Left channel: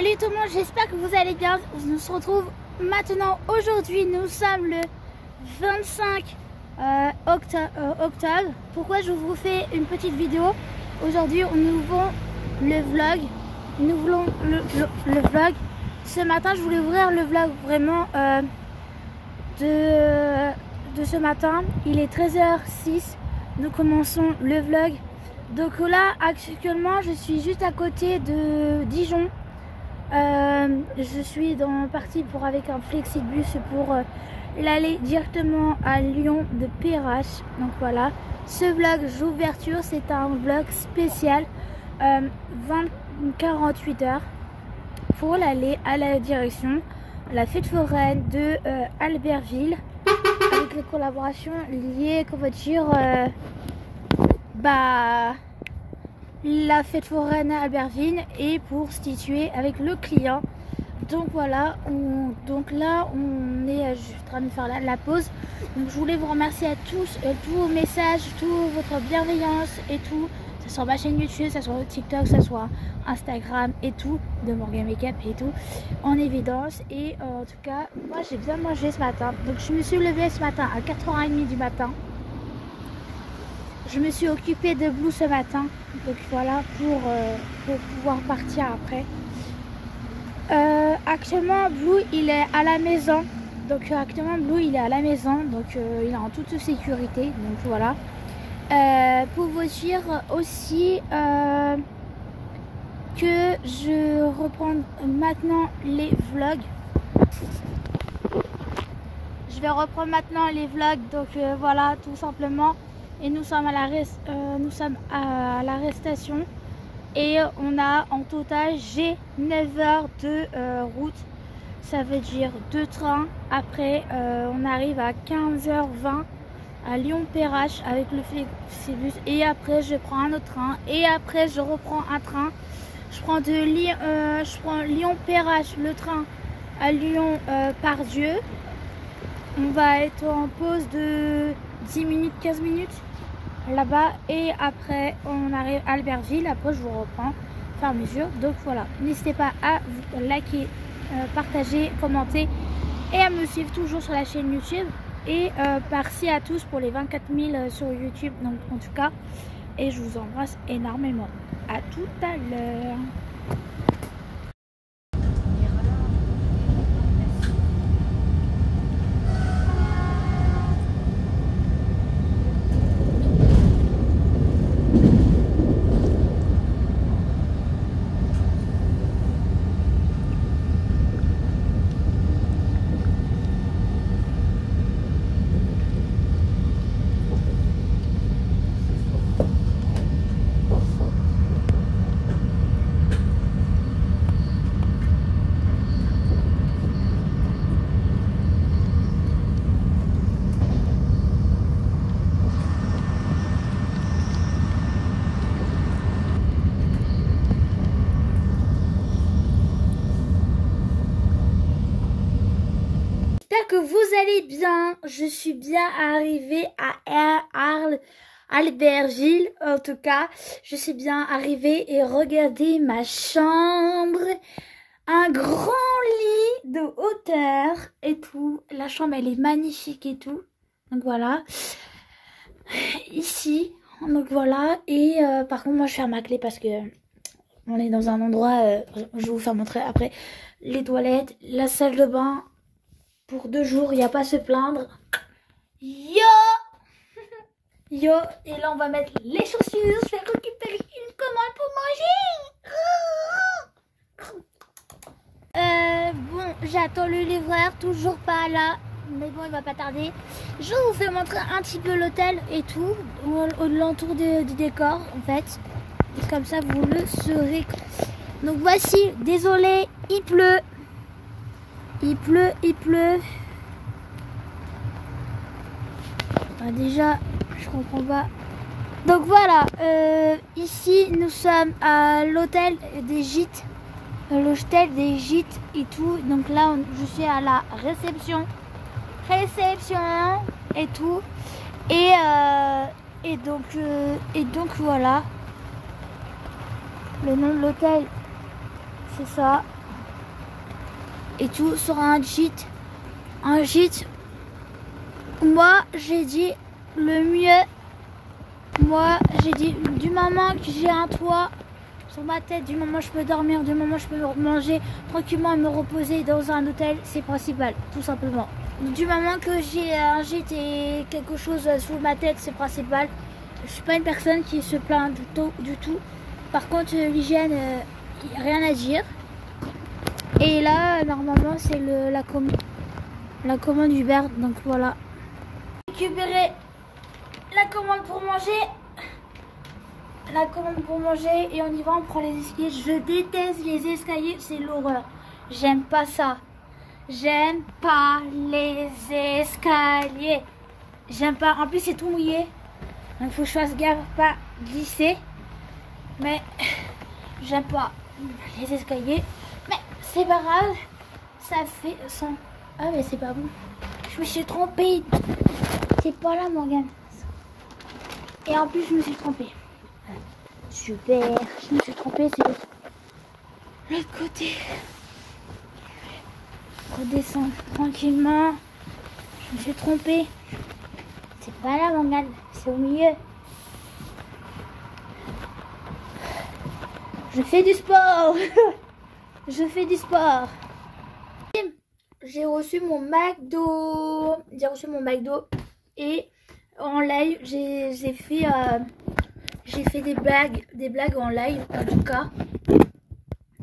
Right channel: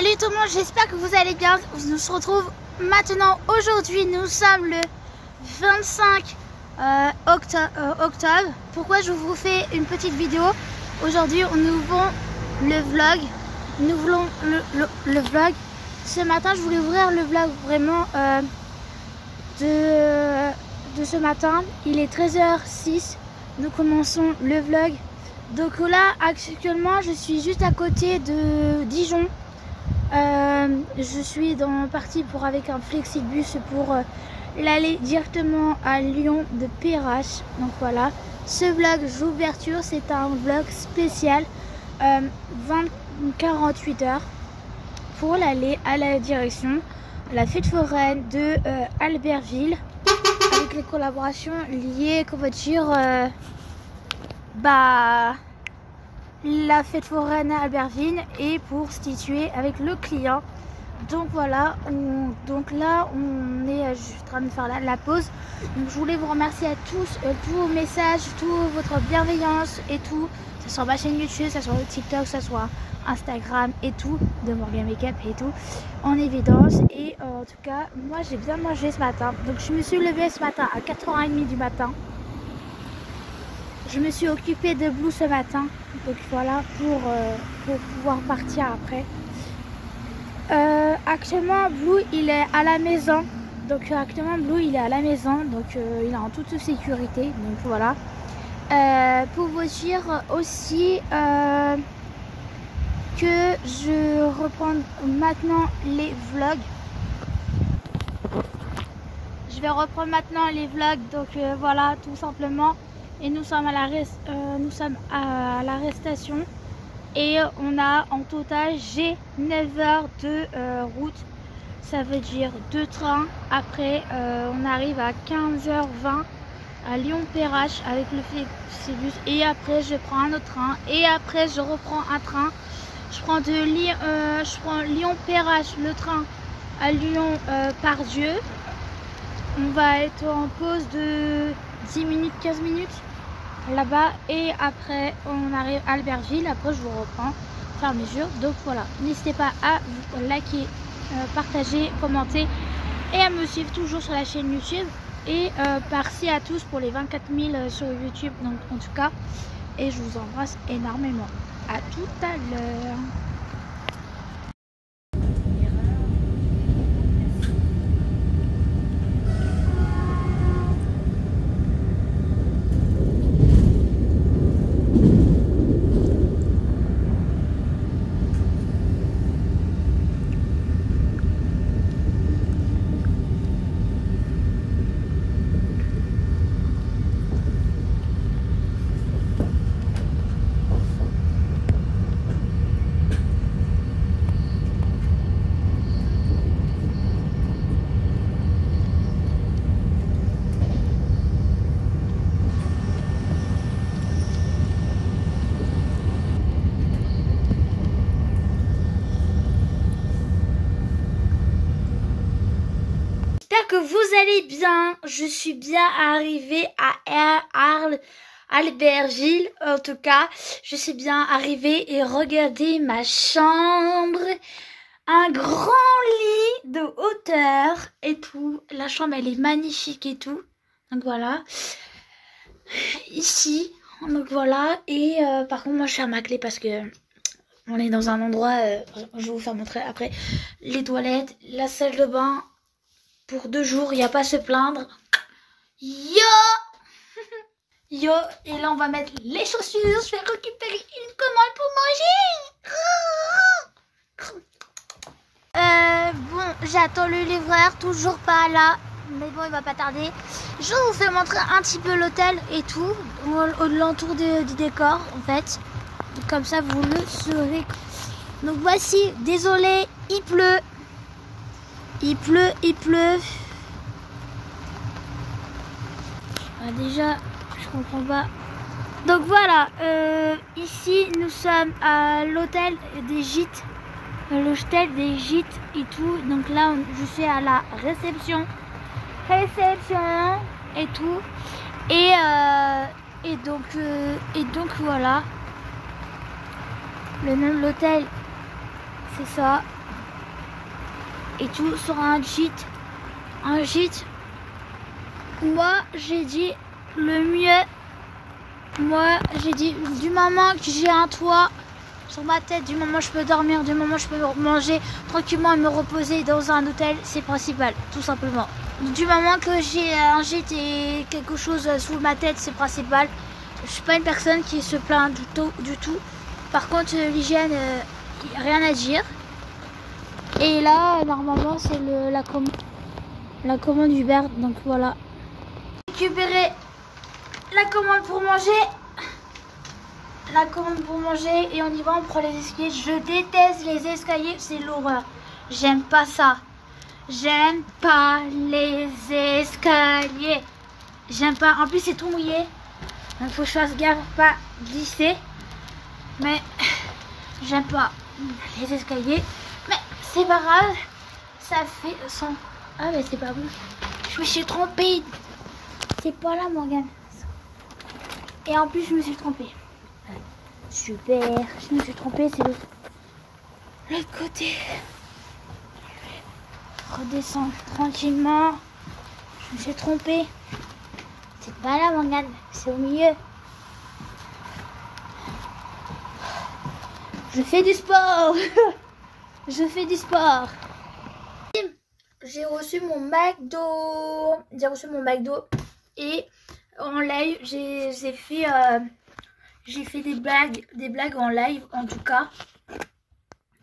Salut tout le monde, j'espère que vous allez bien. On se retrouve maintenant. Aujourd'hui, nous sommes le 25 octobre. Pourquoi je vous fais une petite vidéo? Aujourd'hui, nous voulons le vlog. Nous voulons le vlog. Ce matin, je voulais ouvrir le vlog vraiment de ce matin. Il est 13h06. Nous commençons le vlog. Donc là, actuellement, je suis juste à côté de Dijon. Je suis partie avec un flexibus pour l'aller directement à Lyon de Perrache. Donc voilà, ce vlog d'ouverture, c'est un vlog spécial 48 heures pour l'aller à la direction la fête foraine de Albertville, avec les collaborations liées, qu'on va dire, la fête foraine à Albertville et pour se situer avec le client. Donc voilà, donc là on est en train de faire la pause. Donc je voulais vous remercier à tous, tous vos messages, toute votre bienveillance et tout, que ce soit ma chaîne YouTube, que ce soit TikTok, que ce soit Instagram et tout, de Morgan Makeup et tout, en évidence. Et en tout cas, moi j'ai bien mangé ce matin. Donc je me suis levée ce matin à 4h30 du matin. Je me suis occupée de Blue ce matin, donc voilà, pour pouvoir partir après. Actuellement, Blue il est à la maison, donc il est en toute sécurité, donc voilà. Pour vous dire aussi que je reprends maintenant les vlogs. Je vais reprendre maintenant les vlogs, donc voilà, tout simplement. Et nous sommes à l'arrestation et on a en total, j'ai 9 heures de route, ça veut dire 2 trains. Après on arrive à 15h20 à Lyon-Perrache avec le flexibus, et après je prends un autre train, et après je reprends un train. Je prends Lyon-Perrache, le train à Lyon-Pardieu. On va être en pause de 10 minutes, 15 minutes là-bas, et après on arrive à Albertville. Après je vous reprends faire mesure. Donc voilà, n'hésitez pas à vous liker, partager, commenter et à me suivre toujours sur la chaîne YouTube. Et merci à tous pour les 24 000 sur YouTube, donc en tout cas, et je vous embrasse énormément. À tout à l'heure. J'espère que vous allez bien. Je suis bien arrivée à Albertville. En tout cas, je suis bien arrivée, et regardez ma chambre. Un grand lit de hauteur et tout. La chambre, elle est magnifique et tout. Donc voilà. Ici. Donc voilà. Et par contre, moi, je ferme ma clé parce que on est dans un endroit, je vais vous faire montrer après. Les toilettes, la salle de bain. Pour 2 jours, il n'y a pas à se plaindre. Yo Yo. Et là, on va mettre les chaussures. Je vais récupérer une commande pour manger. Bon, j'attends le livreur. Toujours pas là. Mais bon, il va pas tarder. Je vous fais montrer un petit peu l'hôtel et tout. L'entour du décor, en fait. Comme ça, vous le saurez. Donc voici. Désolé, il pleut. Il pleut. Ah, déjà, je comprends pas. Donc voilà, ici nous sommes à l'hôtel des gîtes. L'hôtel des gîtes et tout. Donc là, je suis à la réception. Et tout. Et donc voilà. Le nom de l'hôtel, c'est ça. et tout sur un gîte. Un gîte, moi j'ai dit le mieux. Moi j'ai dit du moment que j'ai un toit sur ma tête, du moment que je peux dormir, du moment que je peux manger tranquillement et me reposer dans un hôtel, c'est principal, tout simplement. Du moment que j'ai un gîte et quelque chose sous ma tête, c'est principal. Je suis pas une personne qui se plaint du tout. Par contre, l'hygiène, il n'y a rien à dire. Et là, normalement, c'est la commande Uber, donc voilà. Récupérer la commande pour manger. La commande pour manger et on y va, on prend les escaliers. Je déteste les escaliers, c'est l'horreur. J'aime pas ça. J'aime pas les escaliers. J'aime pas. En plus, c'est tout mouillé. Donc, faut que je fasse gaffe à pas glisser. Mais j'aime pas les escaliers. Mais c'est pas grave. Ça fait son. Ah, mais c'est pas bon. Je me suis trompée. C'est pas là, Morgane. Et en plus, je me suis trompée. Super. Je me suis trompée, c'est l'autre côté. Redescends tranquillement. Je me suis trompée. C'est pas là, Morgane. C'est au milieu. Je fais du sport. Je fais du sport. J'ai reçu mon McDo. Et en live, j'ai fait des blagues en live en tout cas.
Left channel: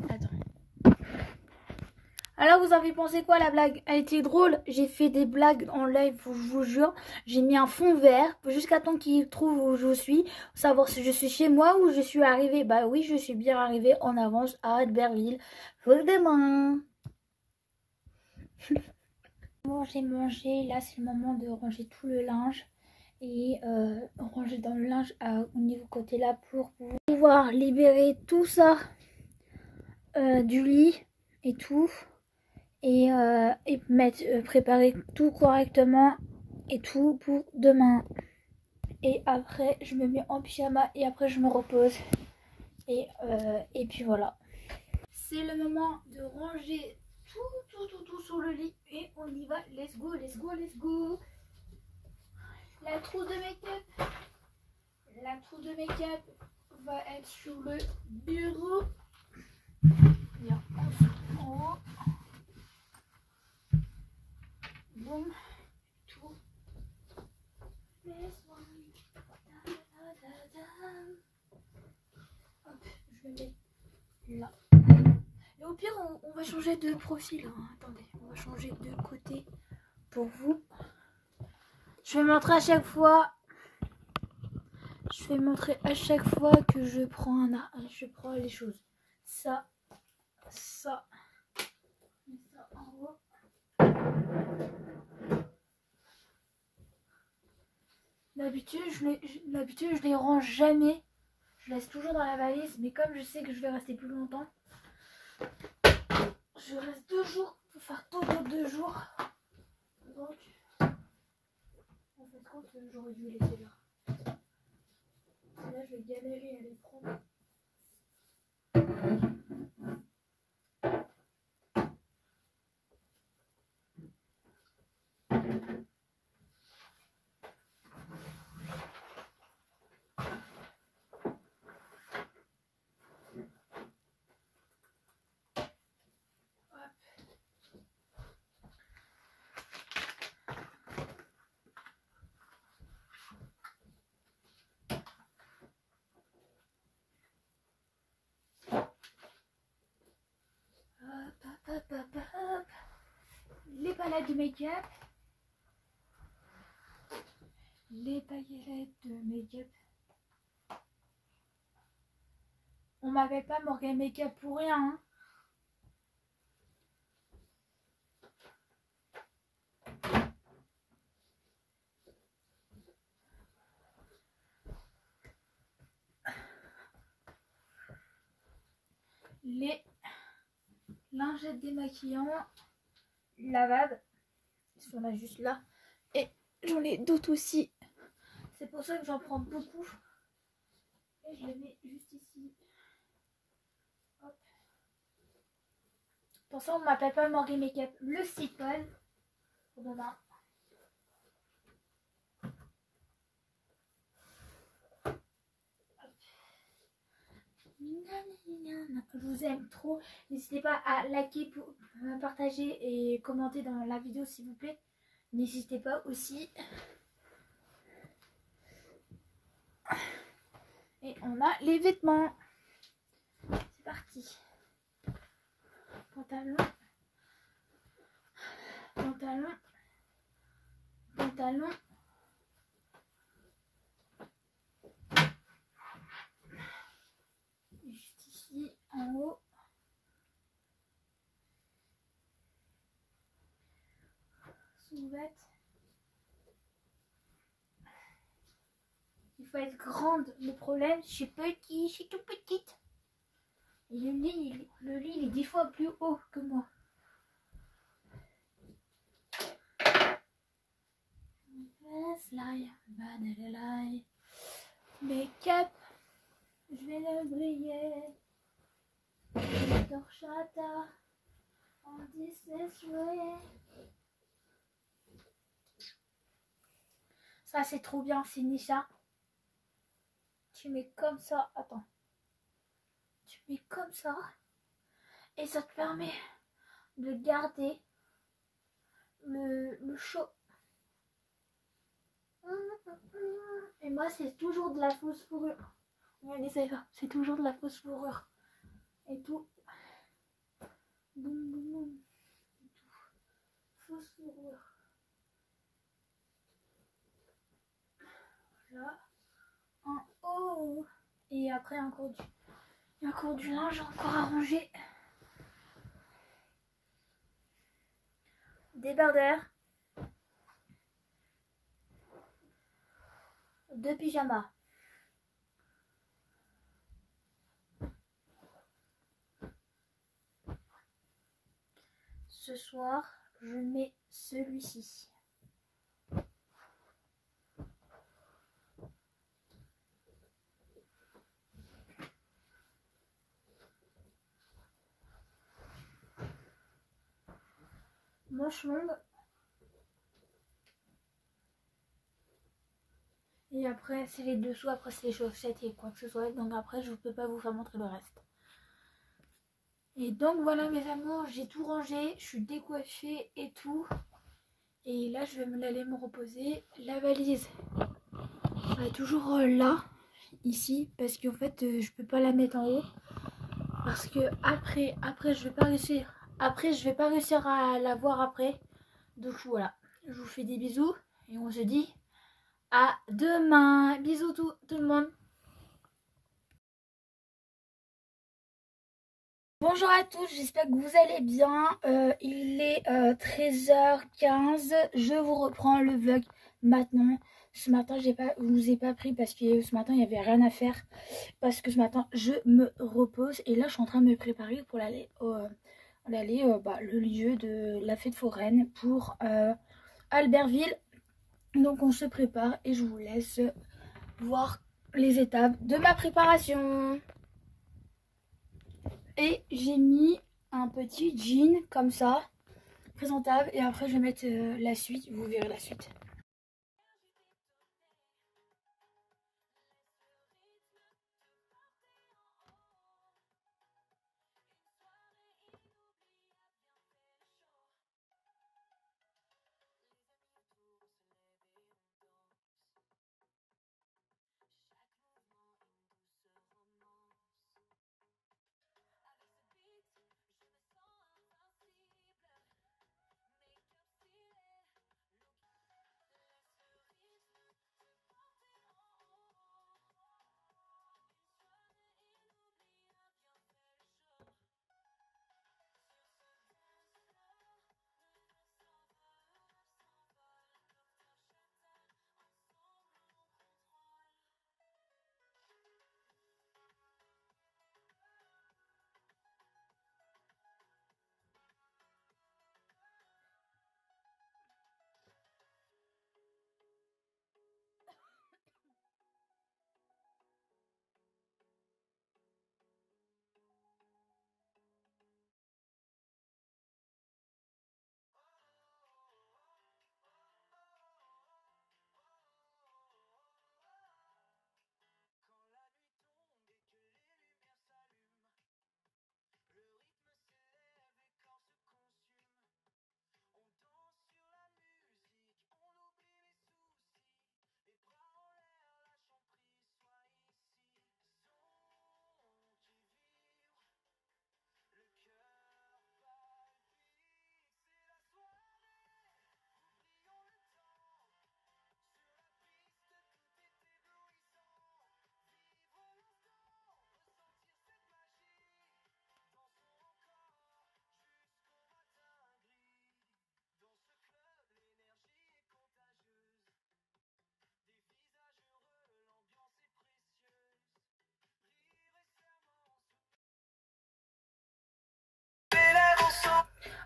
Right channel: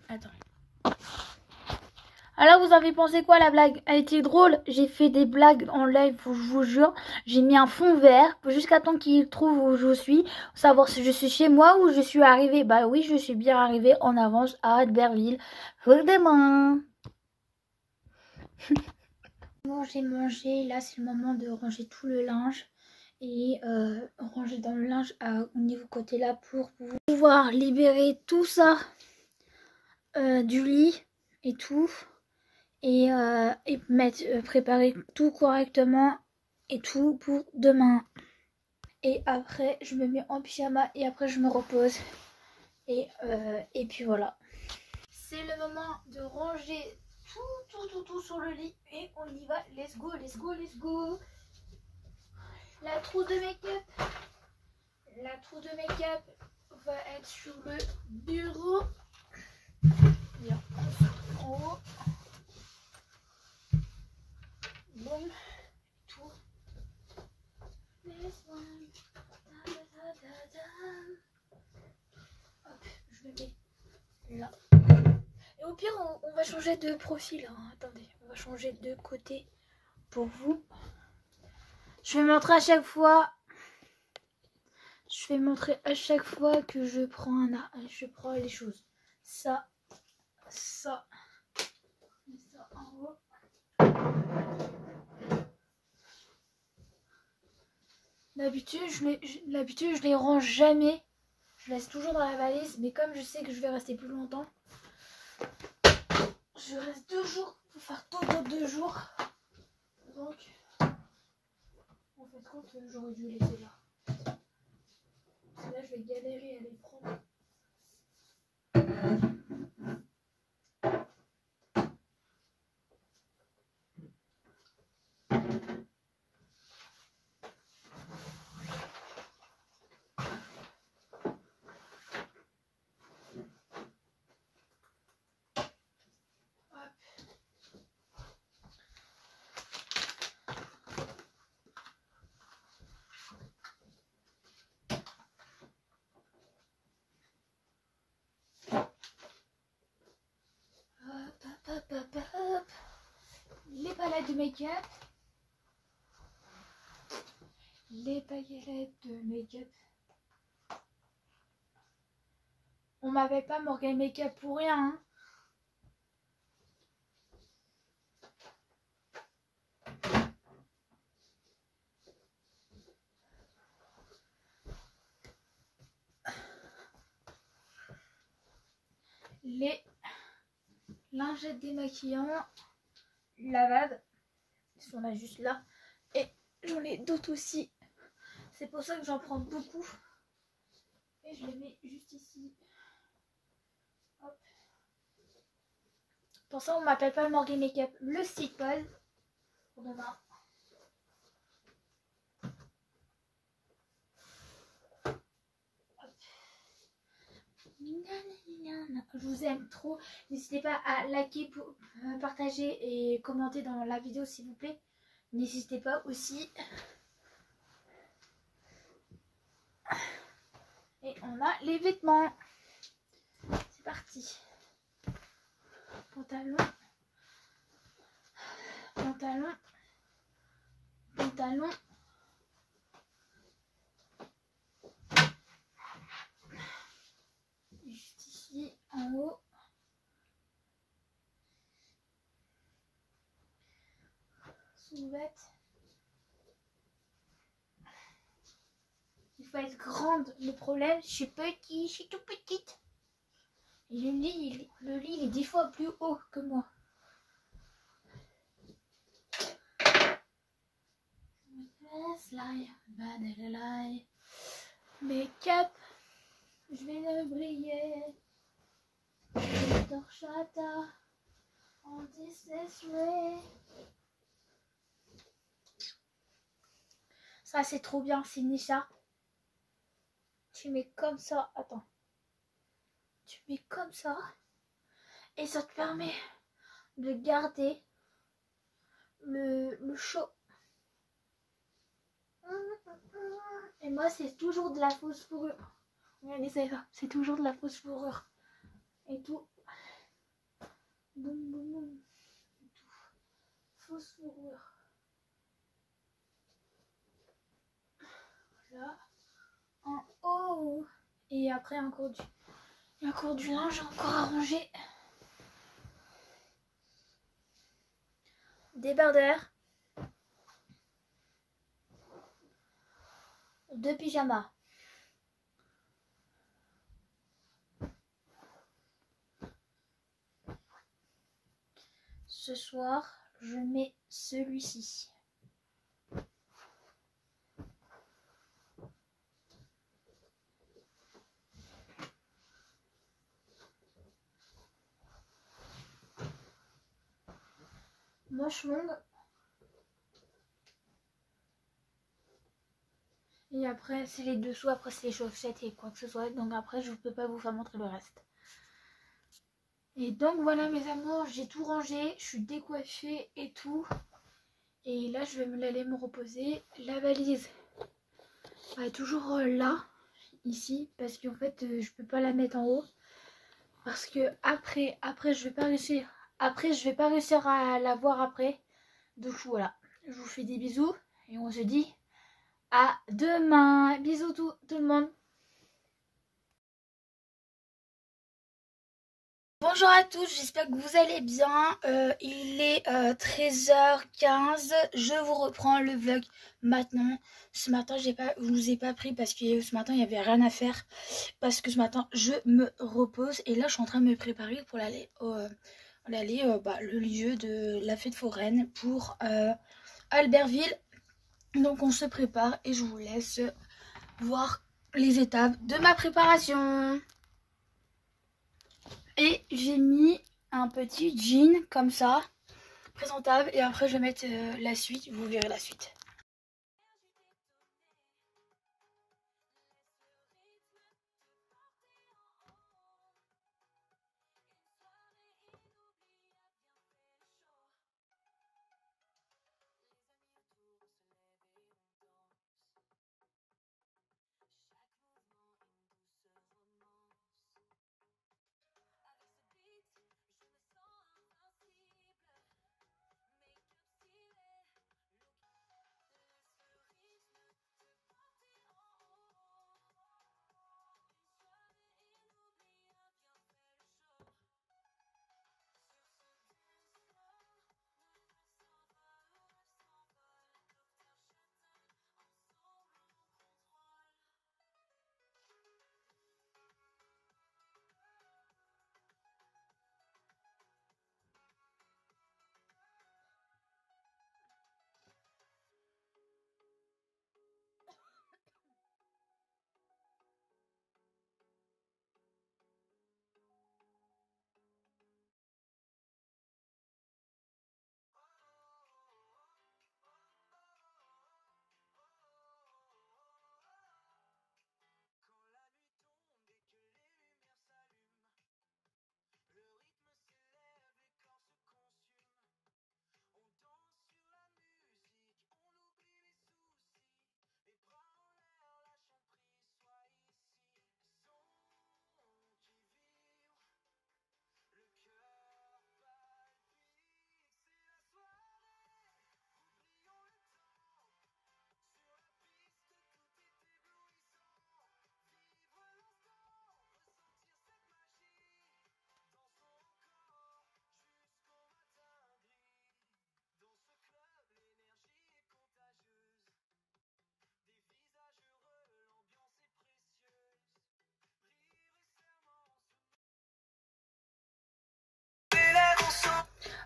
Attends. Alors vous avez pensé quoi, la blague? Elle était drôle. J'ai fait des blagues en live, je vous jure. J'ai mis un fond vert jusqu'à temps qu'il trouve où je suis. Savoir si je suis chez moi ou je suis arrivée. Bah oui, je suis bien arrivée en avance à Albertville. Demain. Bon, j'ai mangé. Là, c'est le moment de ranger tout le linge. Et ranger dans le linge au niveau côté là pour pouvoir libérer tout ça du lit et tout. Et préparer tout correctement et tout pour demain. Et après je me mets en pyjama et après je me repose et puis voilà, c'est le moment de ranger tout sur le lit et on y va. Let's go. La trousse de make-up va être sur le bureau. Bien, en haut. Bon, tout. Hop, je le mets là. Et au pire, on va changer de profil. Hein. Attendez, on va changer de côté pour vous. Je vais montrer à chaque fois. Je vais montrer à chaque fois que je prends les choses. Ça en haut. D'habitude, je les range jamais. Je laisse toujours dans la valise, mais comme je sais que je vais rester plus longtemps, je reste 2 jours pour faire tout dans 2 jours. Donc, en fait, compte, j'aurais dû laisser là. Là, je vais galérer à les prendre. Hop. Les palettes de make-up. On m'avait pas Morgane Make-up pour rien. Hein. Les lingettes démaquillantes lavables, ils sont là juste là, et j'en ai d'autres aussi, c'est pour ça que j'en prends beaucoup et je les mets juste ici. Hop. Pour ça, on m'appelle pas Morgan Makeup, le site web pour demain. Je vous aime trop. N'hésitez pas à liker, partager et commenter dans la vidéo s'il vous plaît. N'hésitez pas aussi. Et on a les vêtements. C'est parti. Pantalon. Pantalon. Pantalon. Juste ici, en haut. Sous-vêtements. Il faut être grande. Le problème, je suis petite, je suis tout petite. Et le lit, il est 10 fois plus haut que moi. Make-up, je vais le briller. Torchata, on dit this way. Ça c'est trop bien, c'est Nisha. Tu mets comme ça, attends. Tu mets comme ça. Et ça te permet de garder le chaud. Et moi c'est toujours de la fausse fourrure. Regardez ça, c'est toujours de la fausse fourrure. Et tout. Boum boum boum. Et tout. Fausse fourrure. Là. En haut. Et après encore du linge encore à ranger. Débardeur. 2 pyjamas. Ce soir, je mets celui-ci. Manche longue. Et après, c'est les dessous, après c'est les chaussettes et quoi que ce soit. Donc après, je ne peux pas vous faire montrer le reste. Et donc voilà mes amours, j'ai tout rangé, je suis décoiffée et tout. Et là, je vais aller me reposer. La valise, elle est toujours là, ici, parce qu'en fait, je peux pas la mettre en haut. Parce que après je vais pas réussir. Après, je vais pas réussir à la voir après. Donc voilà, je vous fais des bisous et on se dit à demain. Bisous tout le monde. Bonjour à tous, j'espère que vous allez bien. Il est 13h15. Je vous reprends le vlog maintenant. Ce matin, je vous ai pas pris parce que ce matin, il n'y avait rien à faire. Parce que ce matin, je me repose. Et là, je suis en train de me préparer pour aller le lieu de la fête foraine pour Albertville. Donc, on se prépare et je vous laisse voir les étapes de ma préparation. Et j'ai mis un petit jean comme ça, présentable. Et après je vais mettre la suite, vous verrez la suite.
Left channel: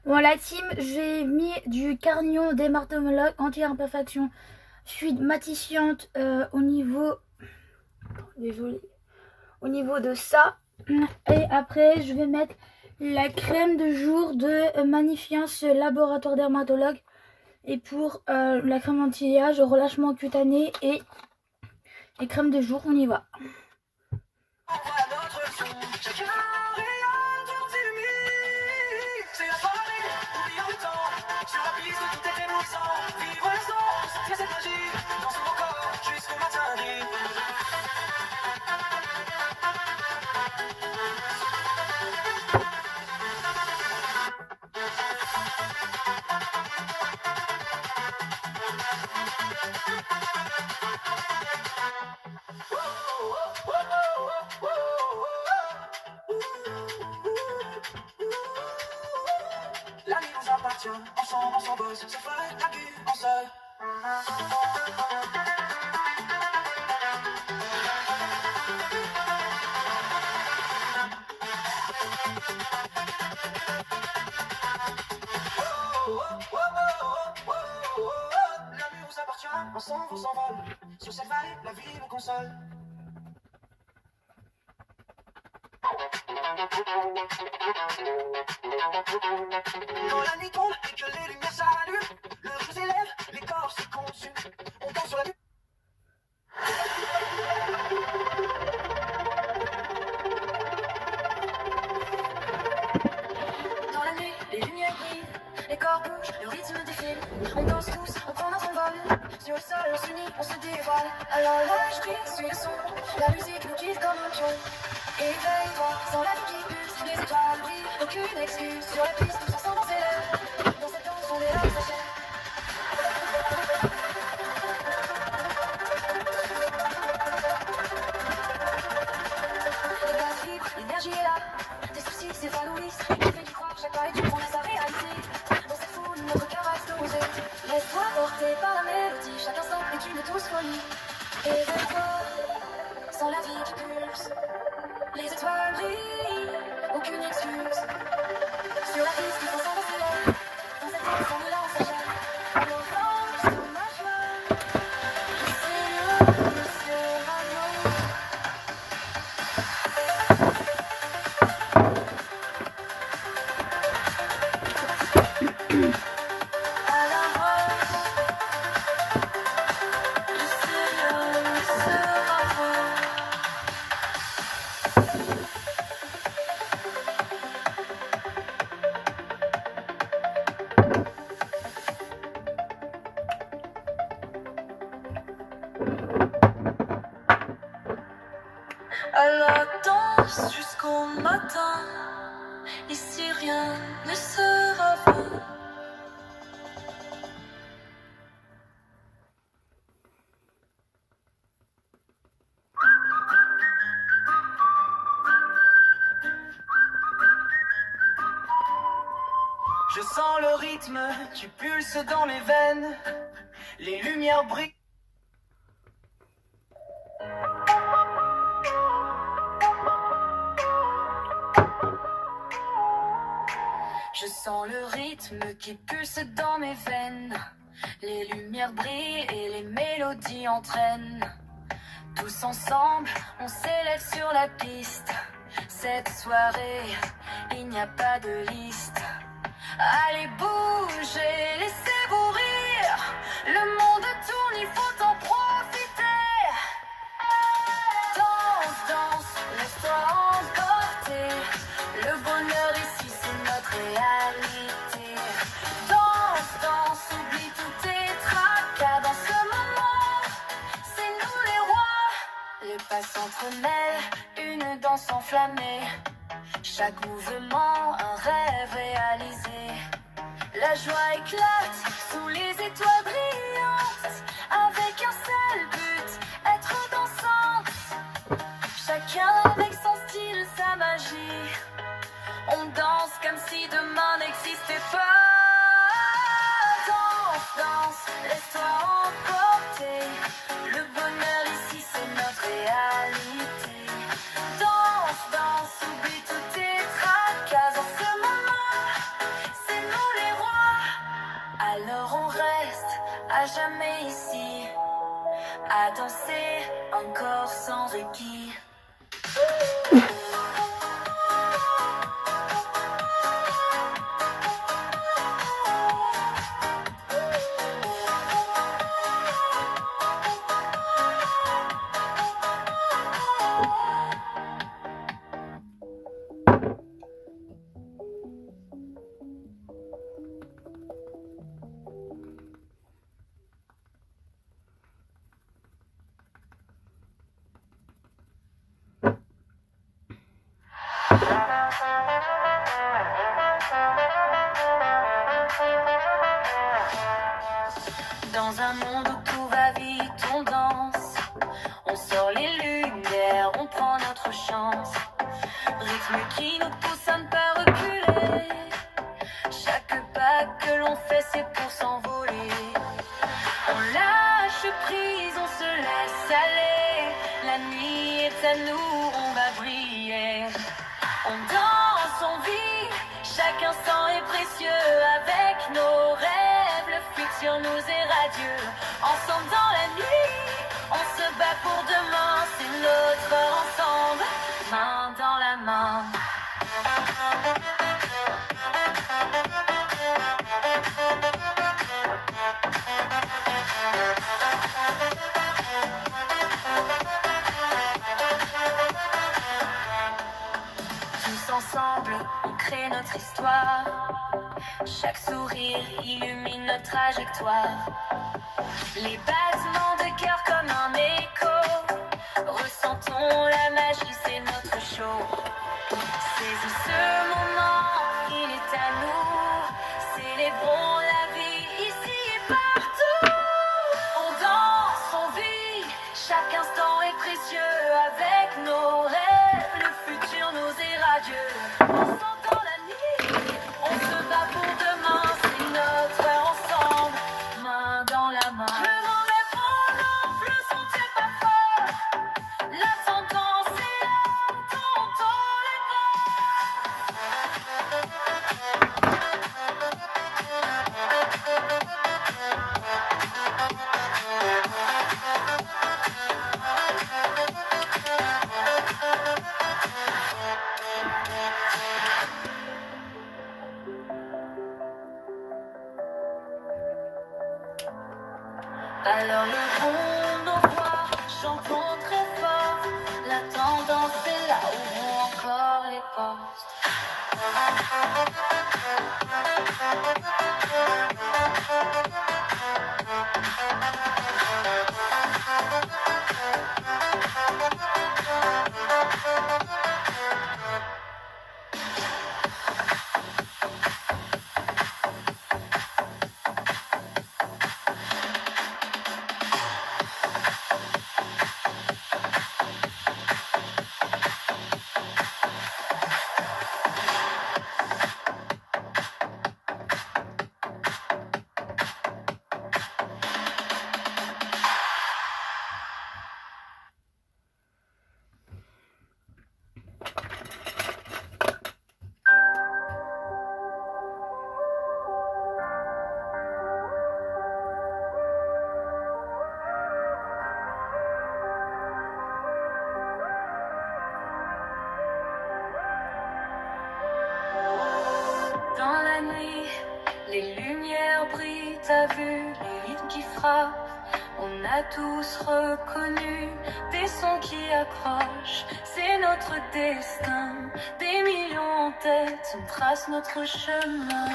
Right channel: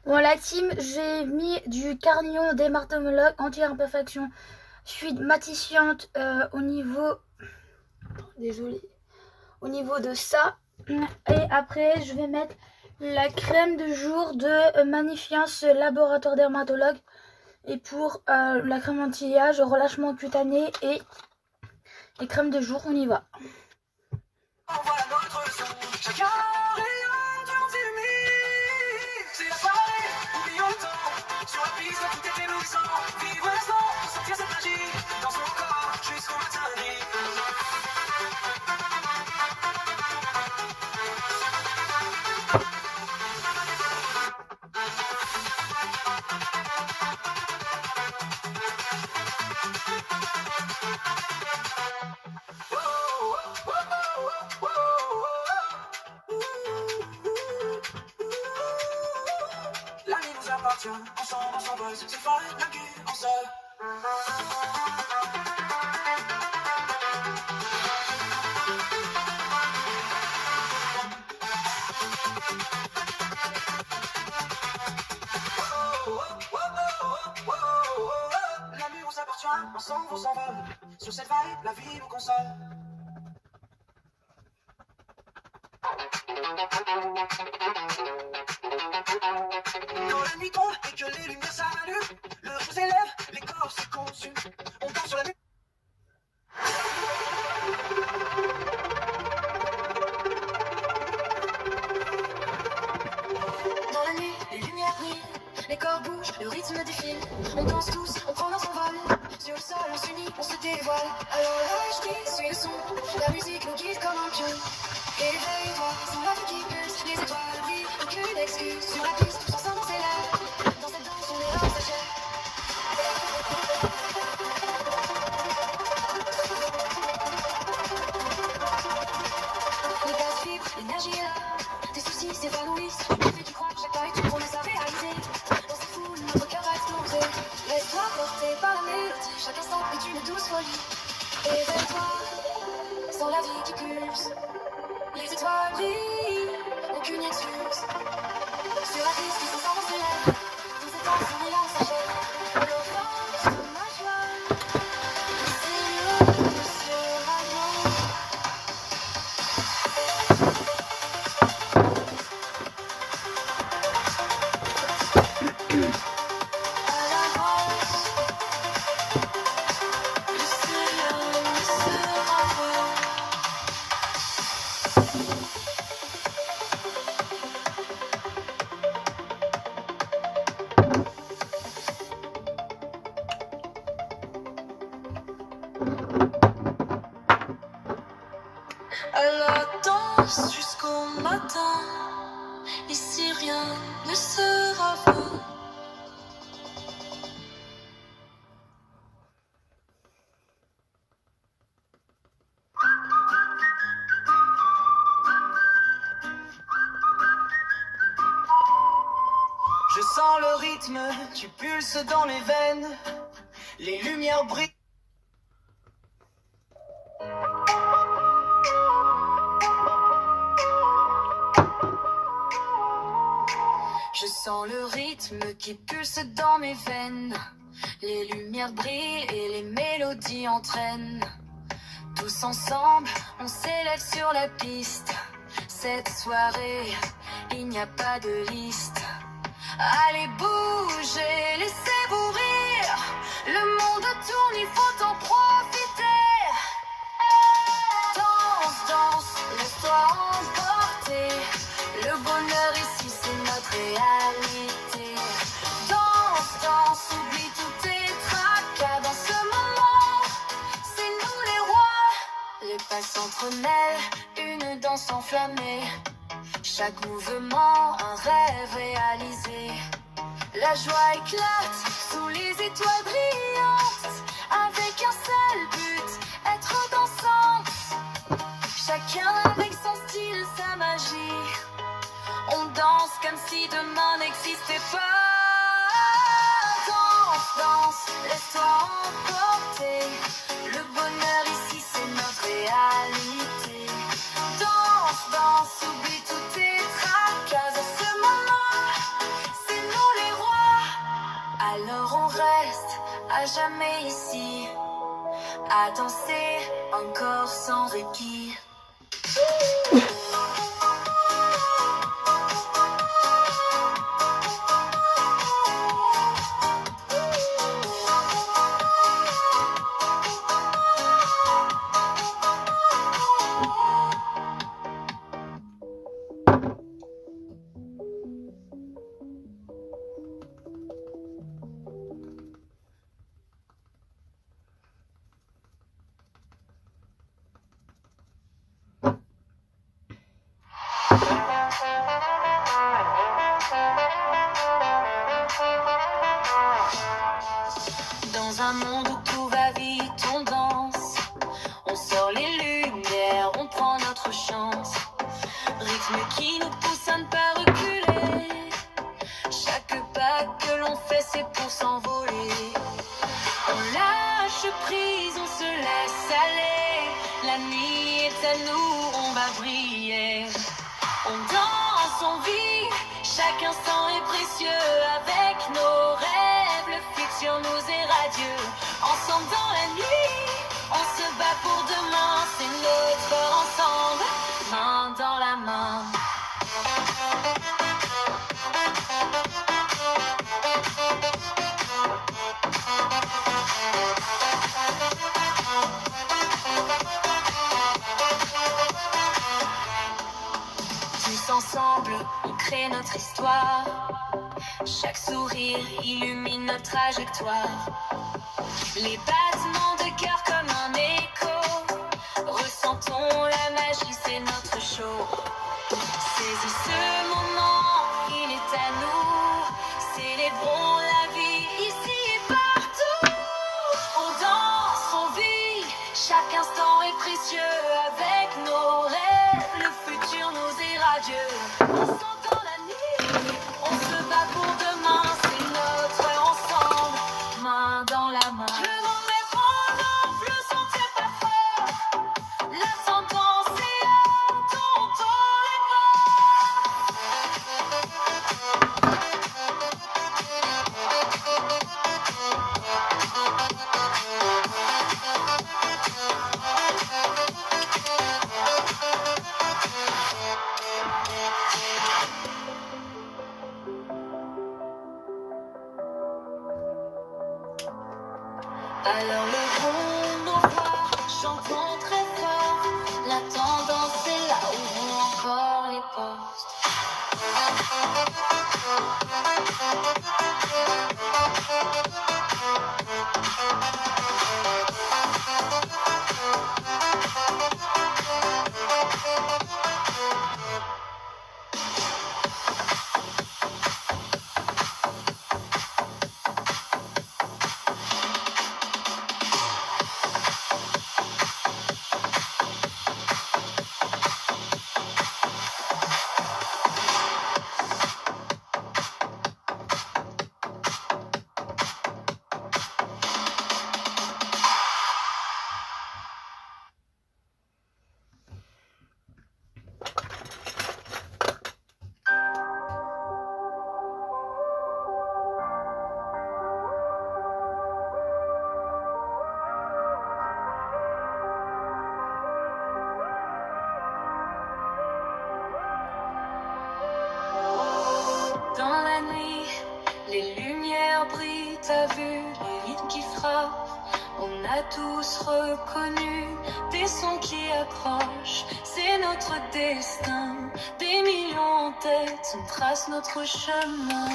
Bon, la team, j'ai mis du Carnillon dermatologue anti-imperfection fluide maticiante au niveau... Désolée. Au niveau de ça. Et après, je vais mettre la crème de jour de Magnifiance Laboratoire Dermatologue. Et pour la crème anti-âge, relâchement cutané et crème de jour, on y va. Ensemble, on s'envole, c'est folle, la vie, on se... L'amour s'appartient, ensemble, on s'envole. Sur cette vibe, la vie nous console. Quand la nuit tombe et que les lumières s'allument, le feu s'élève, les corps se consument. On danse sur la nuit. Dans la nuit, les lumières brillent, les corps bougent, le rythme défile. On danse tous, on prend notre vol. Sur le sol, on s'unit, on se dévoile. Alors l'âge brille, suis le son, la musique nous guide comme un pion. Éveille-toi, sans la vie qui pulse, les étoiles brillent, aucune excuse. Sur la piste, tous ensemble on s'élève, dans cette danse on est là, s'achève. Les gaz vibrent, l'énergie est là, tes soucis s'évanouissent, on fait d'y croire, chaque pas est une promesse à réalité. Dans cette foule, notre cœur a explosé, laisse-toi porter par la mélodie, chaque instant est une douce folie. Éveille-toi, sans la vie qui pulse. Les étoiles brillent, aucune excuse. Sur la piste, tous ensemble on s'élève. Dans cette danse, on est là, on s'achève. Nos forces, ma joie. C'est le survivant. À l'avance, le ciel sera beau. Alors danse jusqu'au matin, ici rien ne sera vain. Je sens le rythme, tu pulses dans mes veines, les lumières brillent. Je sens le rythme qui pulse dans mes veines. Les lumières brillent et les mélodies entraînent. Tous ensemble, on s'élève sur la piste. Cette soirée, il n'y a pas de liste. Allez bouger, laissez-vous rire. Le monde tourne, il faut en profiter. Danse, danse, laisse-toi emporter. Le bonheur ici, c'est notre réalité. Danse, danse, oublie tous tes tracas. Dans ce moment, c'est nous les rois. Le pas s'entremêle, une danse enflammée. Chaque mouvement, un rêve réalisé. La joie éclate sous les étoiles brillantes. Avec un seul but, être dansante. Chacun avec son style, sa magie. On danse comme si demain n'existait pas. Danse, danse, laisse-toi emporter. Le bonheur ici, c'est notre réalité. Danse, danse, oublie tous tes tracas. En ce moment, c'est nous danser encore sans répit. Dans un monde où tout va vite, on danse. On sort les lumières, on prend notre chance. Rythme qui nous pousse à ne pas reculer. Chaque pas que l'on fait, c'est pour s'envoler. On lâche prise, on se laisse aller. La nuit est à nous, on va briller. On danse, on vit, chaque instant est précieux. Avec nos rêves, le futur nous est radieux. Ensemble dans la nuit, on se bat pour demain. C'est notre heure ensemble, main dans la main. Tous ensemble, on crée notre histoire. Chaque sourire illumine notre trajectoire. Les battements de cœur comme un écho. Ressentons la magie, c'est notre show. Saisis ce moment, il est à nous. Célébrons la vie ici et partout. On danse, on vit, chaque instant est précieux. Avec nos rêves, le futur nous est radieux. Ensemble dans la nuit, on se bat pour demain. C'est notre heure ensemble, main dans la main. Le vent est prendre, le son tient pas fort. La sentence est là, tonton les alors levons nos voix, chantons très fort. La tendance est là, ouvrons encore les portes. Dans la nuit, les lumières brillent, t'as vu les rythmes qui frappent. On a tous reconnu des sons qui approchent. C'est notre destin, des millions en tête, on trace notre chemin.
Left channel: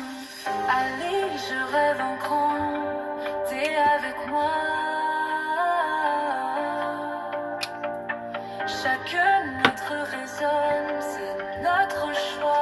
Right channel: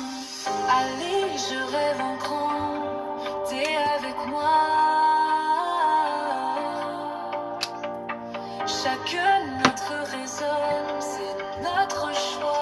Allez, je rêve en grand, t'es avec moi. Chaque lettre résonne, c'est notre choix.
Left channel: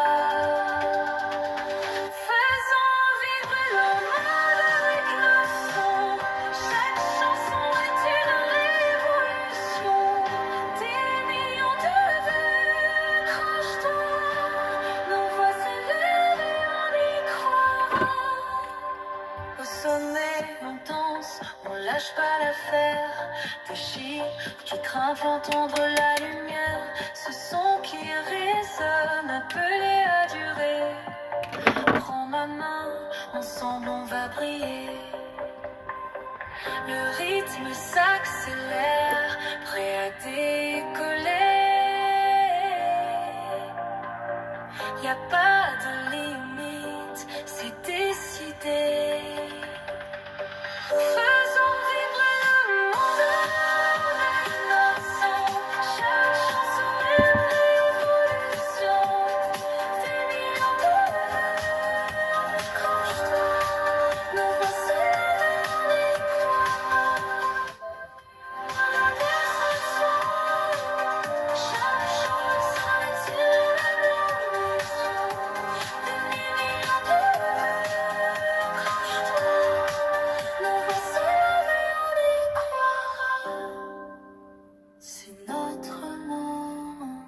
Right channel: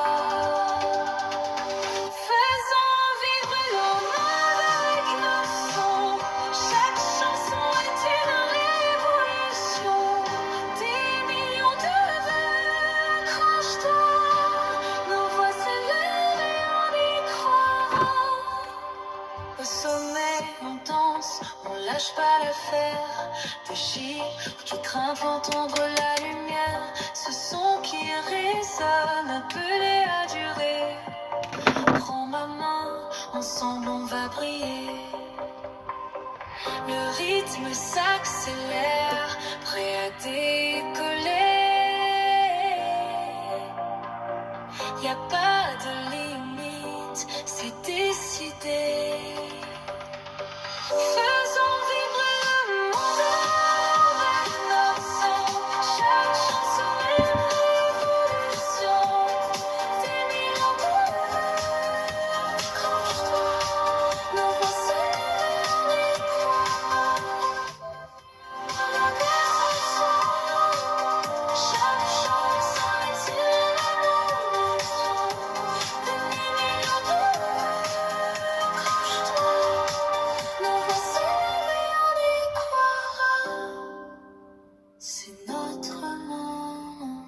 Au sommet, on danse, on lâche pas l'affaire. Des chiffres qui grimpent, entendre la lumière. Ce son qui résonne, appelé à durer. Prends ma main, ensemble on va briller. Le rythme s'accélère, prêt à décoller. Y a pas de limite, c'est décidé. Faisons vibrer le monde avec nos sons. Chaque chanson est l'évolution des millions de couleurs. Accroche-toi, nous voici vers l'étoile. Regarde ce soir, chaque chanson est une évolution des millions de couleurs. Accroche-toi, nous voici vers l'étoile. C'est notre moment,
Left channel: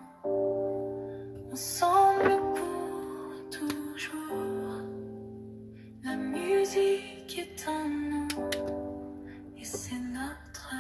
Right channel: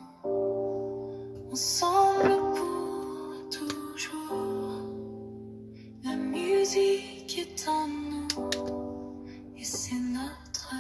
ensemble pour toujours. La musique est en nous et c'est notre.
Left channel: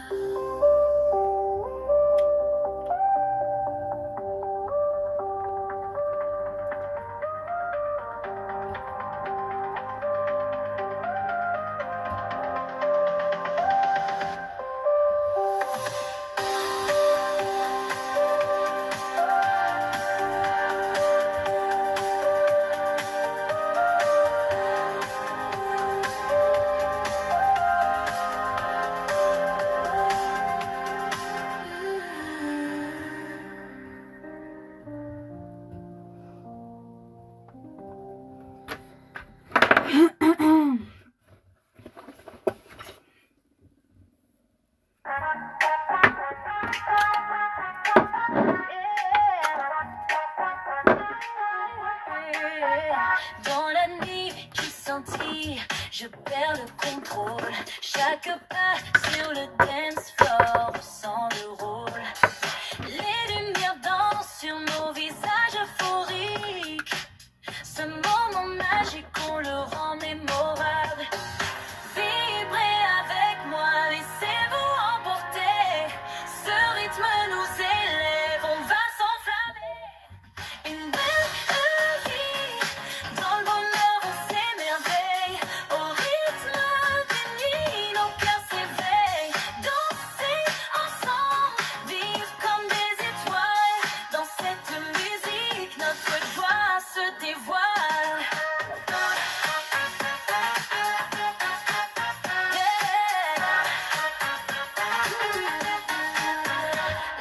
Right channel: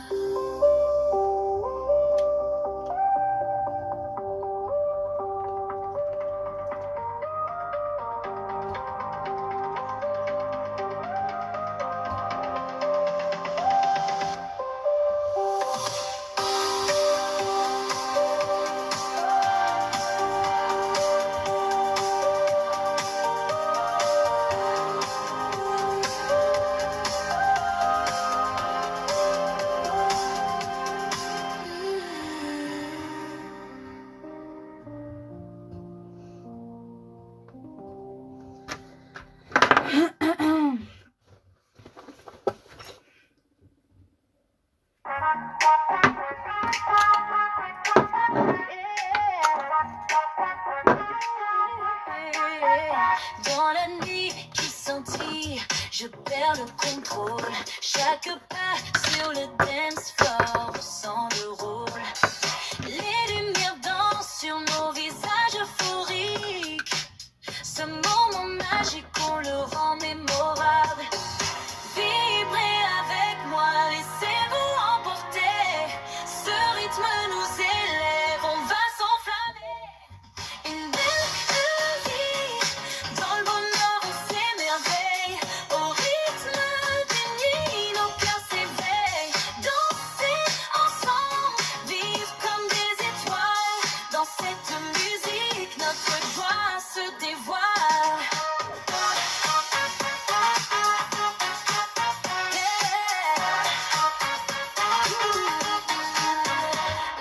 Dans la nuit qui scintille, je perds le contrôle. Chaque pas sur le dance floor ressent le rôle. Les lumières dansent sur nos visages euphoriques. Ce moment magique, on le rend mémorable. Vibrez avec moi, laissez-vous emporter. Ce rythme nous élève, on va s'enflammer. Une belle vie, dans le bonheur on s'émerveille. Au rythme d'une nuit, nos cœurs s'éveillent. Danser ensemble, vivre comme des étoiles. Dans cette musique, notre joie se dévoile.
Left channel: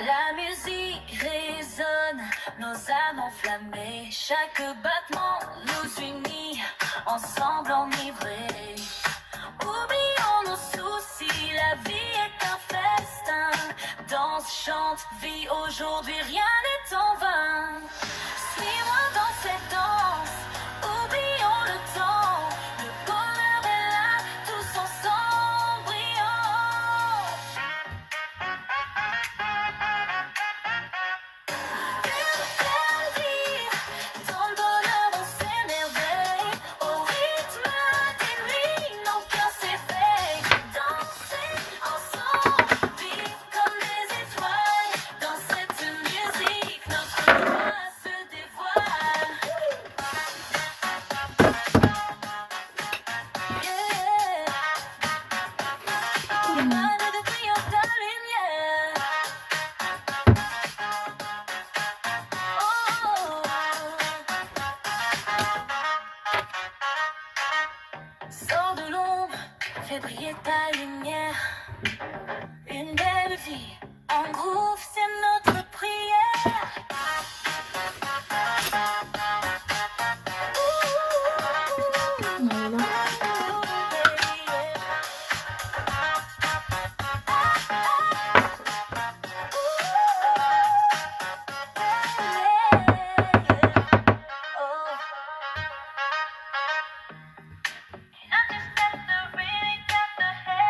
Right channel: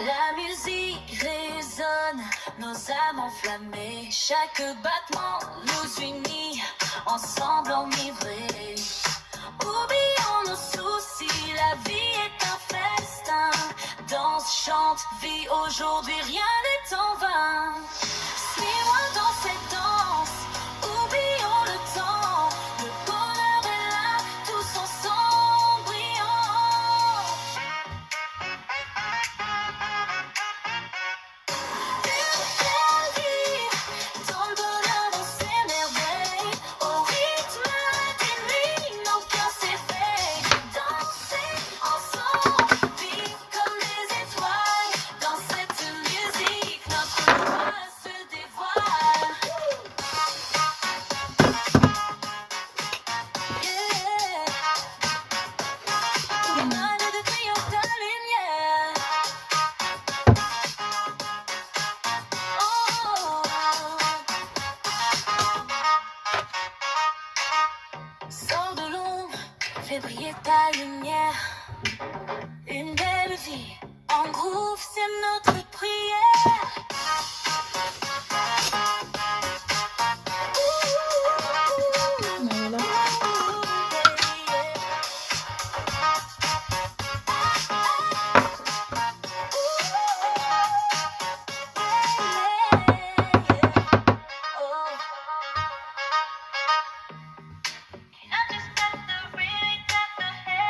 La musique résonne, nos âmes enflammées. Chaque battement nous unit, ensemble enivrés. Oublions nos soucis, la vie est un festin. Danse, chante, vie, aujourd'hui rien n'est en vain. Suis-moi dans cette danse, oublions le temps. Le bonheur est là, tous ensemble brillants. Dans le bonheur on s'émerveille. Au rythme des nuits, nos cœurs s'éveillent. Danser ensemble, vivre comme des étoiles. Dans cette musique, notre joie se dévoile. Émané de brillant ta lumière. Sors de l'ombre, fais briller ta lumière. Une belle vie, en groove, c'est notre prière. Voilà. Understand the really got the head.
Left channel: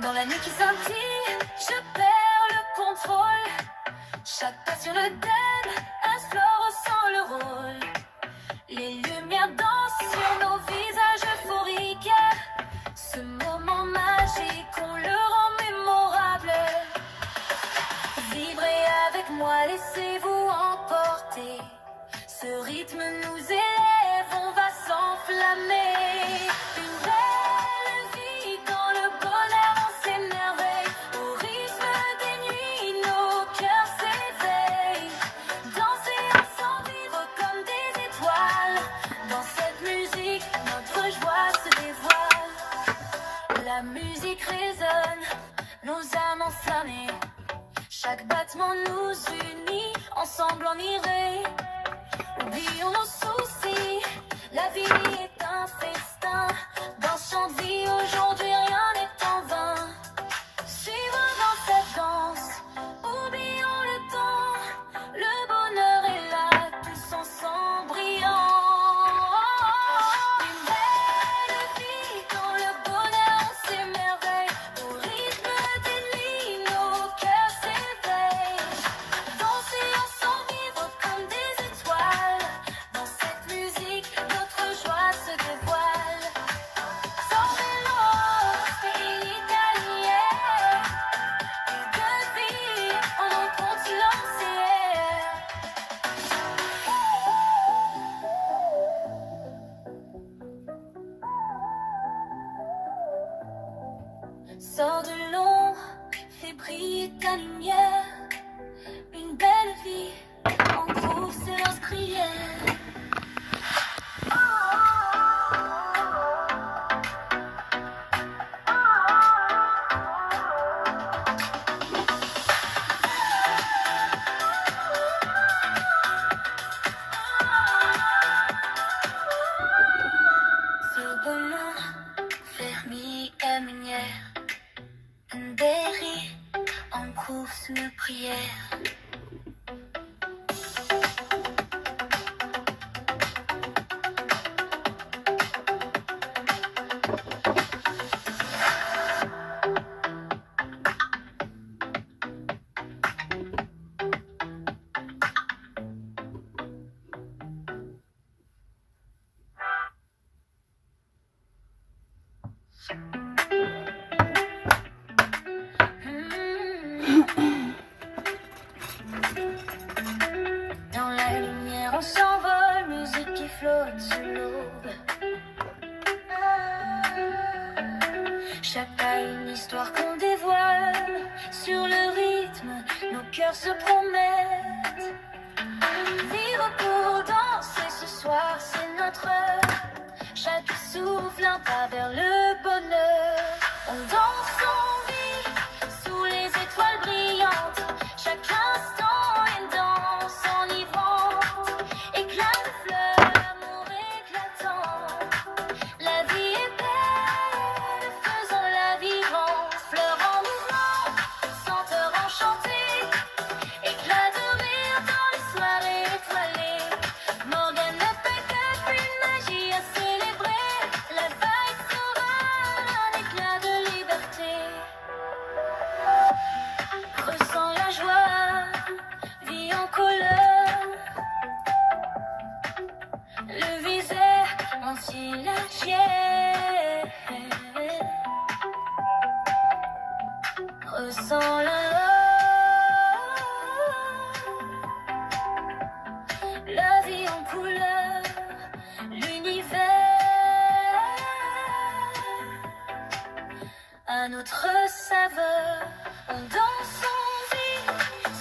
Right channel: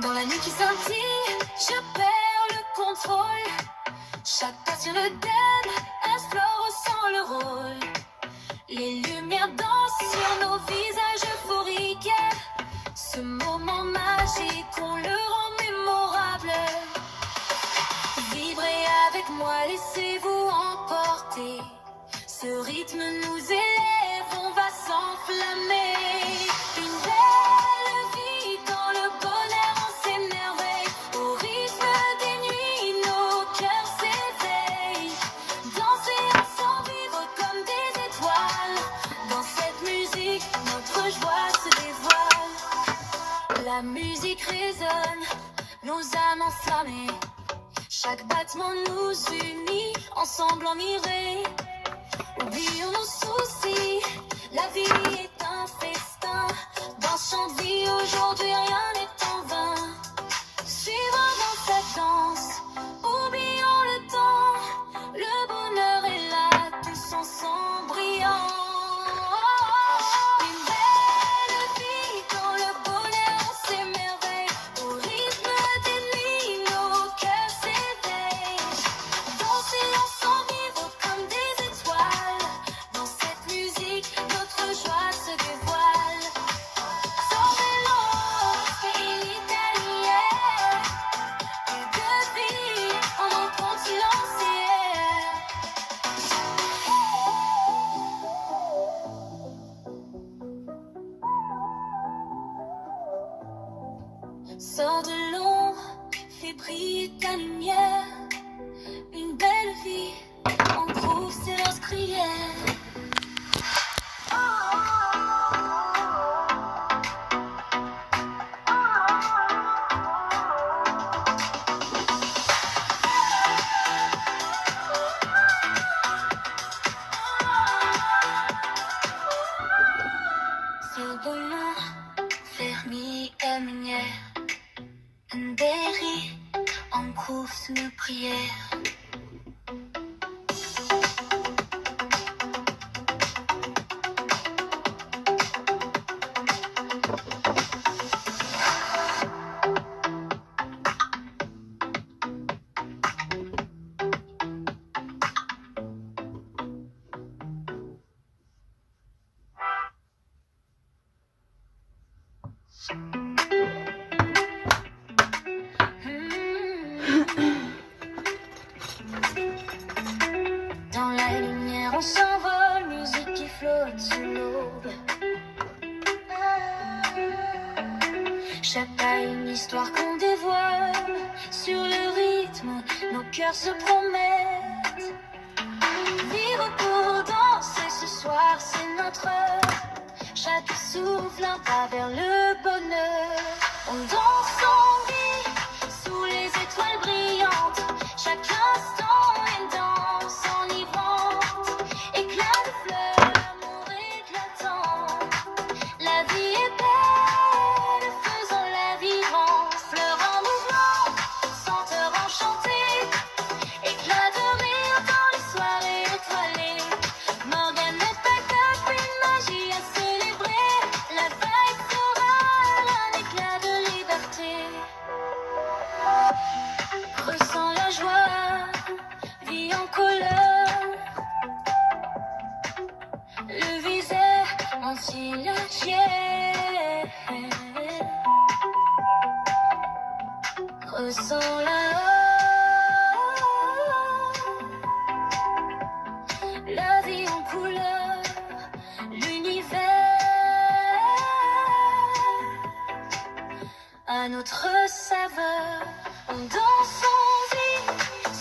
Dans la nuit qui scintille, je perds le contrôle. Chaque pas sur le dead, explore sans le rôle. Les lumières dansent sur nos visages euphoriques. Ce moment magique, on le rend mémorable. Vibrez avec moi, laissez-vous emporter. Ce rythme nous élève, on va s'enflammer. Une belle vie dans le bonheur, on s'émerveille. Au rythme des nuits, nos cœurs s'éveillent. Danser ensemble, vivre comme des étoiles. Dans cette musique, notre joie se dévoile. La musique résonne, nos âmes enflammées. Chaque battement nous unit, ensemble on irait. Oublions nos soucis, la vie est un festin. Dans son vie, aujourd'hui rien n'est en vain. Suivons dans cette danse, oublions le temps. Le bonheur est là, tous ensemble brillants. Une belle vie quand le bonheur s'émerveille. Au rythme des nuits, nos cœurs s'éveillent. Danser ensemble, vivre comme des étoiles. Dans cette musique, notre joie se dévoile. Sorvelo, pays italien. Et depuis, on rencontre l'ancien. Sors de l'ombre, fais briller ta lumière. Une belle vie, en groupe, séance crière. Sors de l'ombre, ferme ta lumière. Une belle vie, en groupe, une prière. Dans la lumière, on s'envole, musique qui flotte sous l'aube. Chaque pas une histoire qu'on dévoile. Sur le rythme, nos cœurs se promettent. Vivre pour danser ce soir, c'est notre heure. Chaque souffle un pas vers le bonheur. On danse, on vit sous les étoiles brillantes. Chaque instant une danse enivrante. Éclat de fleurs, amour éclatant. La vie est belle, faisons-la vivre. Fleurs en mouvement, senteurs enchantées. Éclat de rire dans les soirées étoilées. Morgane ne fait qu'une magie à célébrer. La vibe sera un éclat de liberté. Ressens la joie, vie en couleur. Le visage entier la tienne. Ressens-la. La vie en couleur, l'univers à notre saveur. On danse, on vit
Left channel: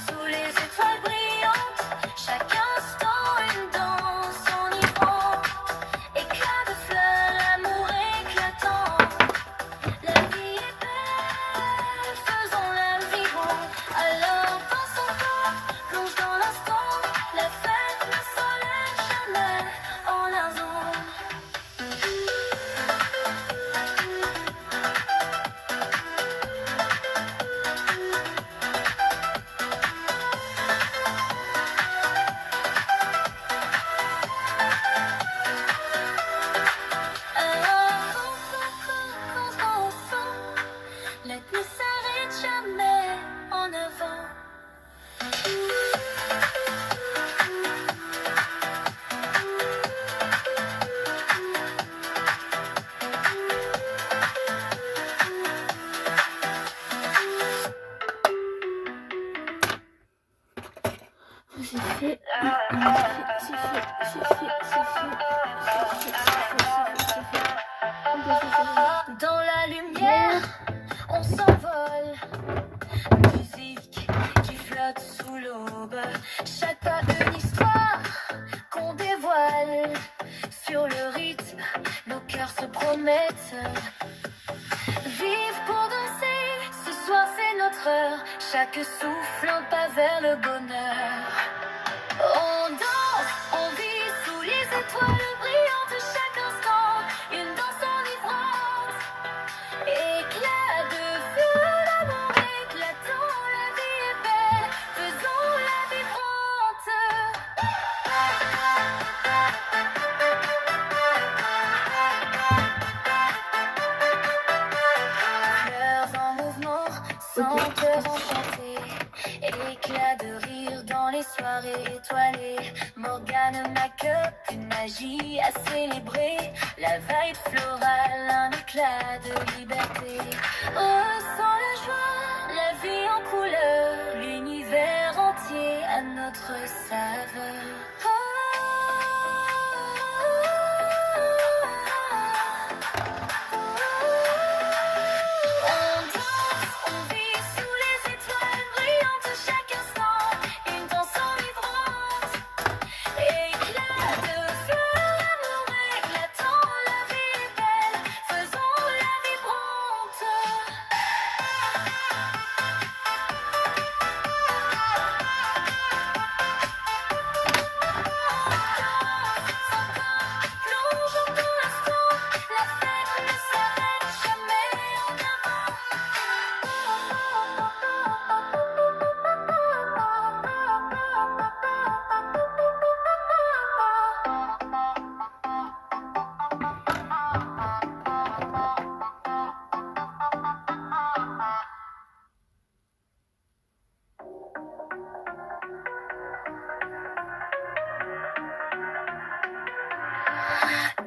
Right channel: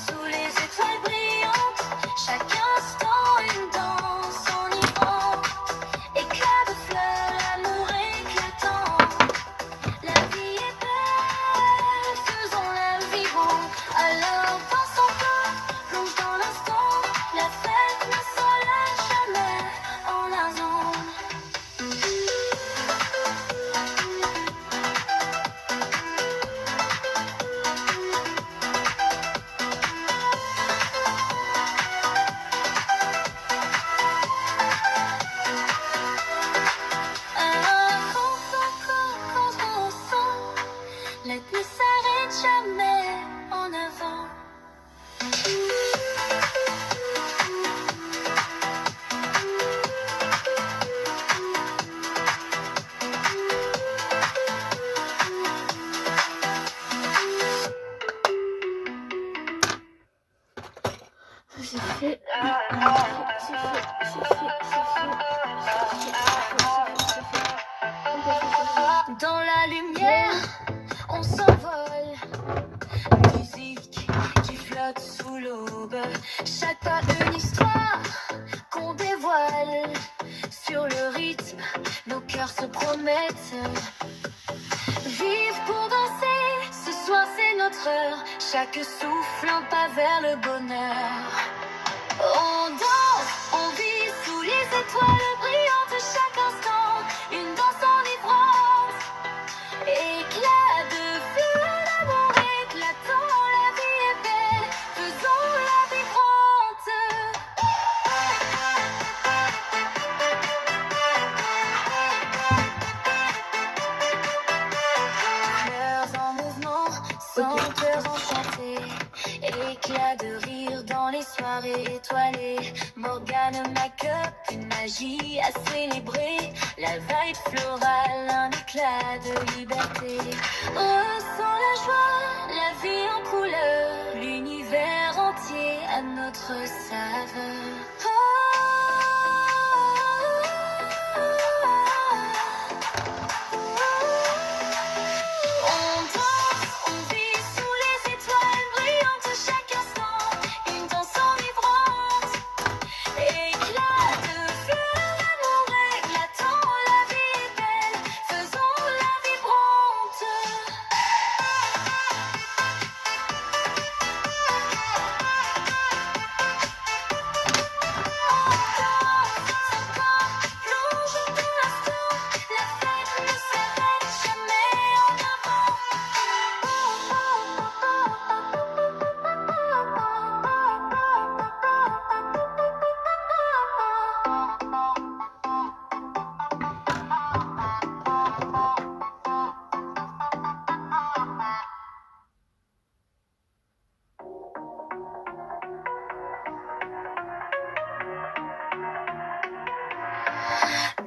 sous les étoiles brillantes. Chaque instant une danse enivrante. Éclat de fleurs, amour éclatant. La vie est belle, faisons-la vivre. Alors danse encore, plonge dans l'instant. La fête ne s'enlève jamais en un zone. c'est fait. C'est fait. Dans la lumière, on s'envole. Musique qui flotte sous l'aube. Chaque pas une histoire qu'on dévoile. Sur le rythme, nos cœurs se promettent. Vive pour danser, ce soir c'est notre heure. Chaque souffle un pas vers le bonheur. On danse, on vit sous les étoiles brillantes chaque instant. Une danse enivrante, éclat de feu, l'amour éclatant. La vie est belle, faisons la vibrante. Fleurs en mouvement, sans cœur enchanté. Éclat de rire dans les soirées étoilées. Morgane, ma cup, une magie à célébrer. La vibe florale, un éclat de liberté. Ressens la joie, la vie en couleur. L'univers entier à notre saveur. On danse, on vit sous les étoiles brillantes chaque instant. Une danse enivrante, éclat de feu, l'amour éclatant. La vie est belle, faisons la vibrante. Plongeons dans l'instant, la fête ne s'arrête jamais en avant.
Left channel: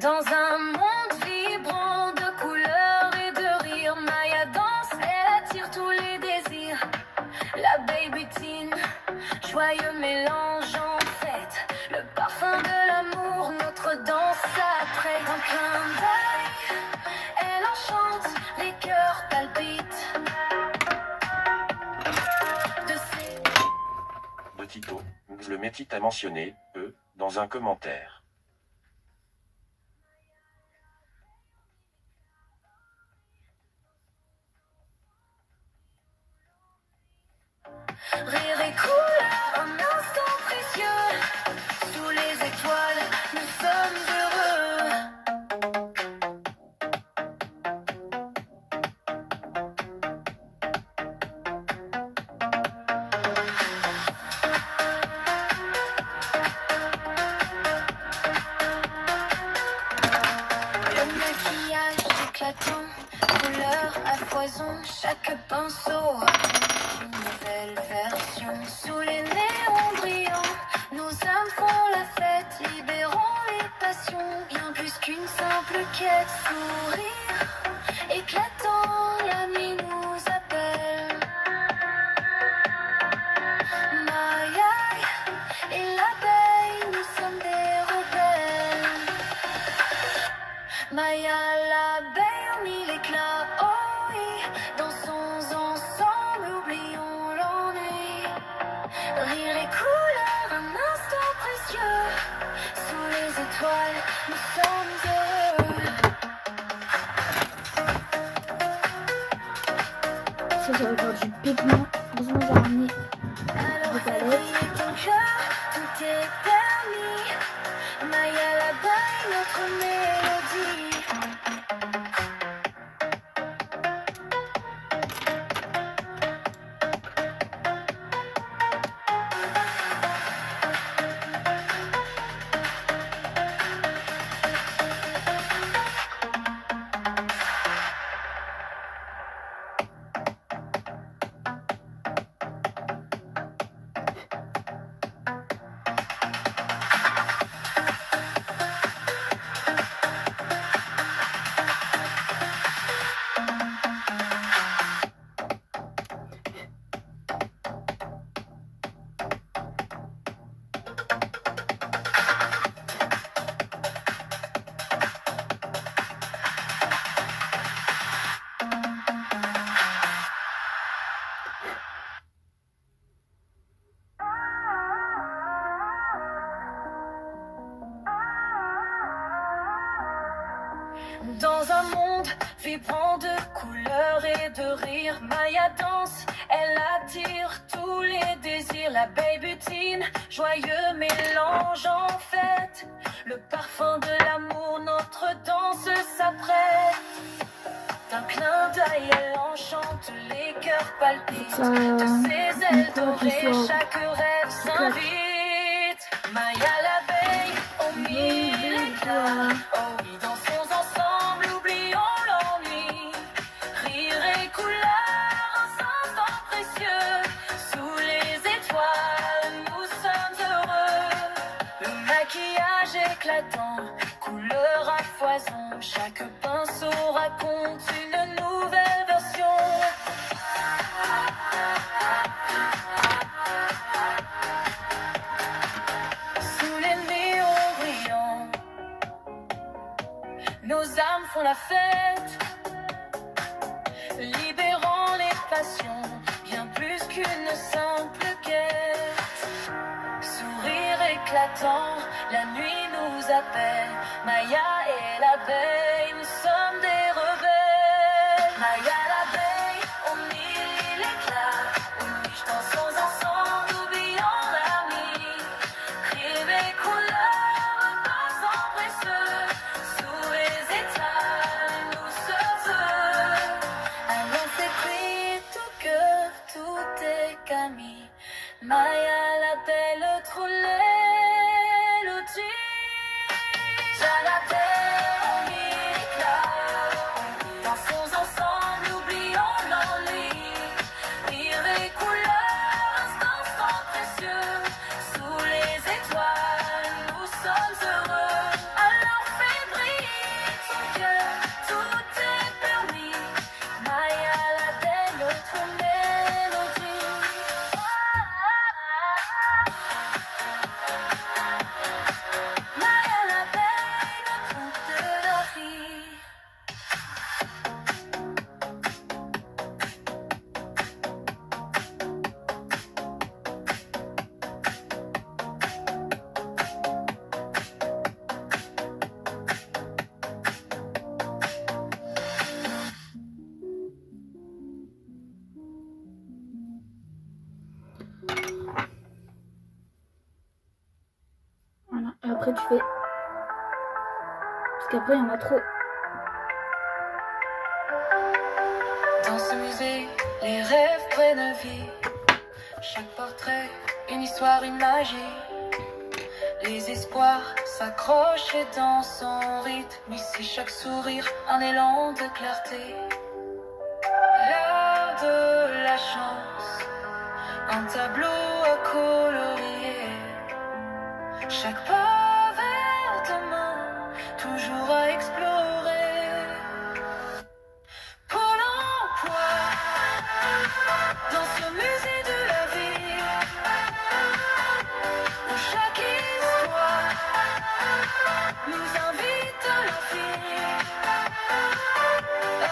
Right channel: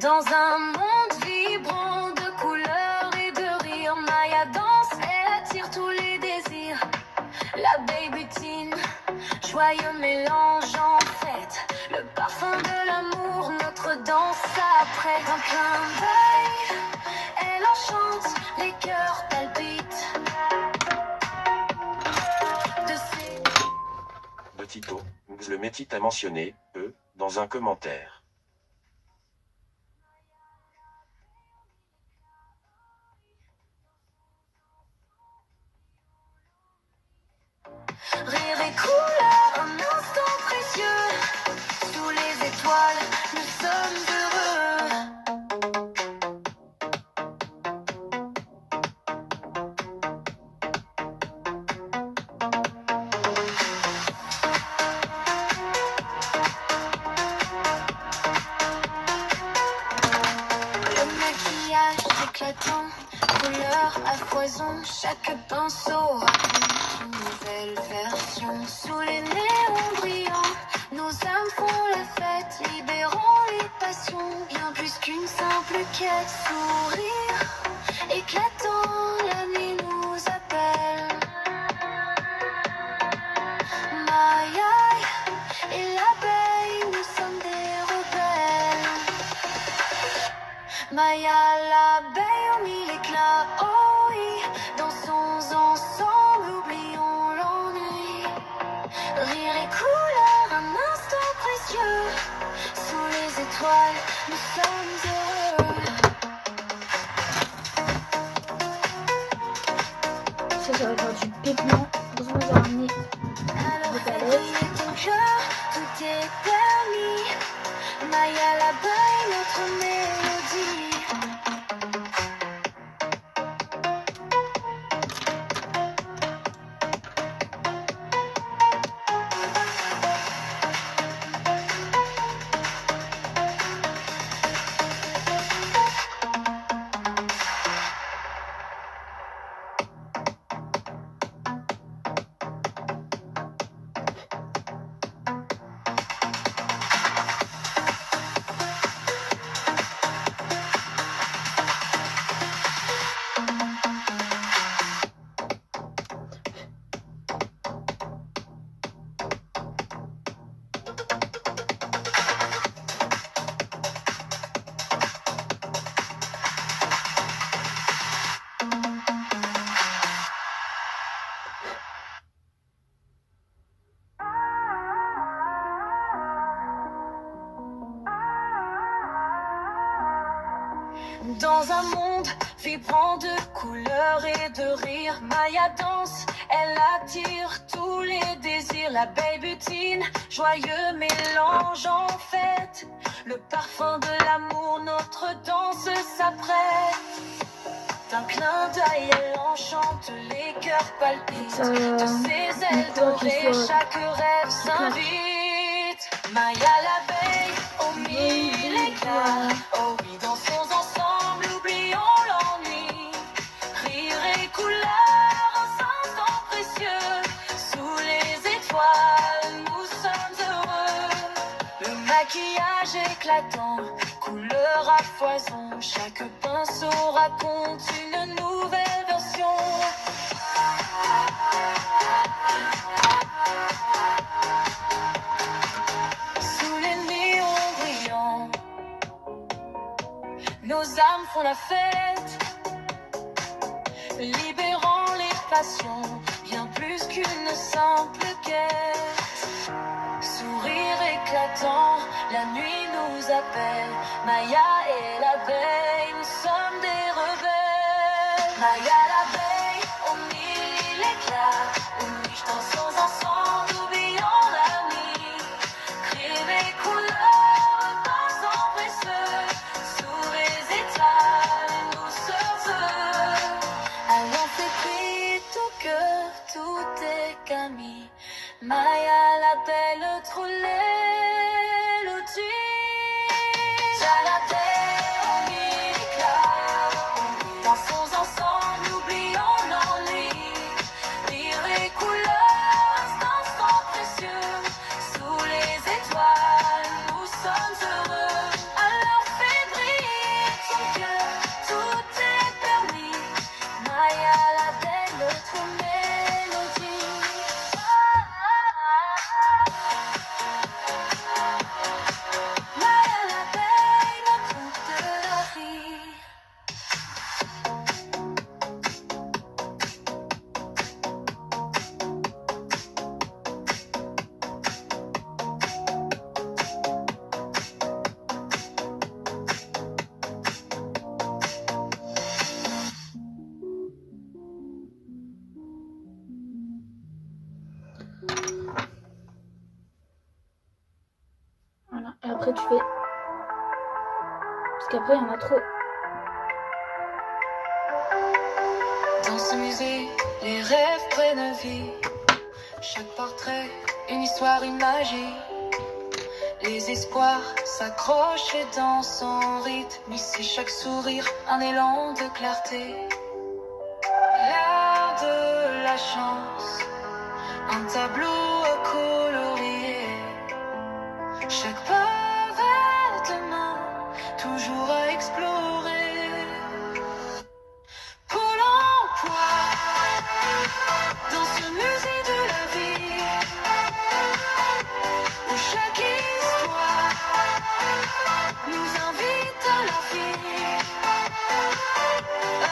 Dans un monde vibrant de couleurs et de rires, Maya danse, elle attire tous les désirs. La baby teen, joyeux mélange en fête. Le parfum de l'amour, notre danse après. D'un clin d'œil, elle enchante, les cœurs palpitent. De ses De Tito, le métit a mentionné, dans un commentaire. rires et couleurs, un instant précieux. Sous les étoiles, nous sommes heureux. Le maquillage éclatant, couleurs à foison, chaque pinceau. Une nouvelle version sous les néons brillants. Nos âmes font la fête, libérons les passions. Bien plus qu'une simple quête, sourire éclatant, la nuit nous appelle. Maya et l'abeille, nous sommes des rebelles. Maya, l'abeille aux mille éclats, oh oui, dansons ensemble, oublions l'ennui. Rire et couleurs, un instant précieux. Sous les étoiles, nous sommes heureux. Ça va avoir du pigment. Heureusement, j'ai ramené Alors des fais palettes. briller ton cœur, tout est permis. Maya, l'abeille, notre mélodie. vibrant de couleurs et de rire. Maya danse, elle attire tous les désirs. La baby-tine, joyeux mélange en fête. Le parfum de l'amour, notre danse s'apprête. D'un clin d'œil, elle enchante, les cœurs palpitent. De ses ailes dorées, chaque rêve s'invite. Maya la veille, aux mille éclats. Oh oui, dansons ensemble, oublions l'ennui. Rire et couleur, un instant précieux. Sous les étoiles, nous sommes heureux. Le maquillage éclatant, couleur à foison. Chaque pinceau raconte une nouvelle version. Sous les néons brillants, nos âmes font la fête, libérant les passions, bien plus qu'une simple quête. Sourire éclatant, la nuit nous appelle. Maya et l'abeille, nous sommes des rebelles. Maya l'abeille, aux mille éclats. Unis, dansons ensemble, oublions la nuit. Crime et couleurs, dansant précieux. Sous les étoiles, nous sommes heureux. Allons fait tout cœur, tout est Camille. Maya l'appelle trop l'élodie. J'appelle mille éclats. Dansons ensemble, oublions l'ennui. Rire et couleurs, instant sans précieux. Sous les étoiles, nous sommes heureux. Alors fais briller ton cœur, tout est permis. Maya l'appelle notre mélodie. Maya l'appelle notre conte de la vie. Voilà, et après tu fais. Parce qu'après il y en a trop. Dans ce musée, les rêves prennent vie. Chaque portrait, une histoire, une magie. Les espoirs s'accrochent et dansent en rythme. Ici, chaque sourire, un élan de clarté. L'air de la chance, un tableau colorié. Chaque pas vers demain, toujours à explorer. Pôle emploi, dans ce musée de la vie, où chaque histoire nous invite à l'infini.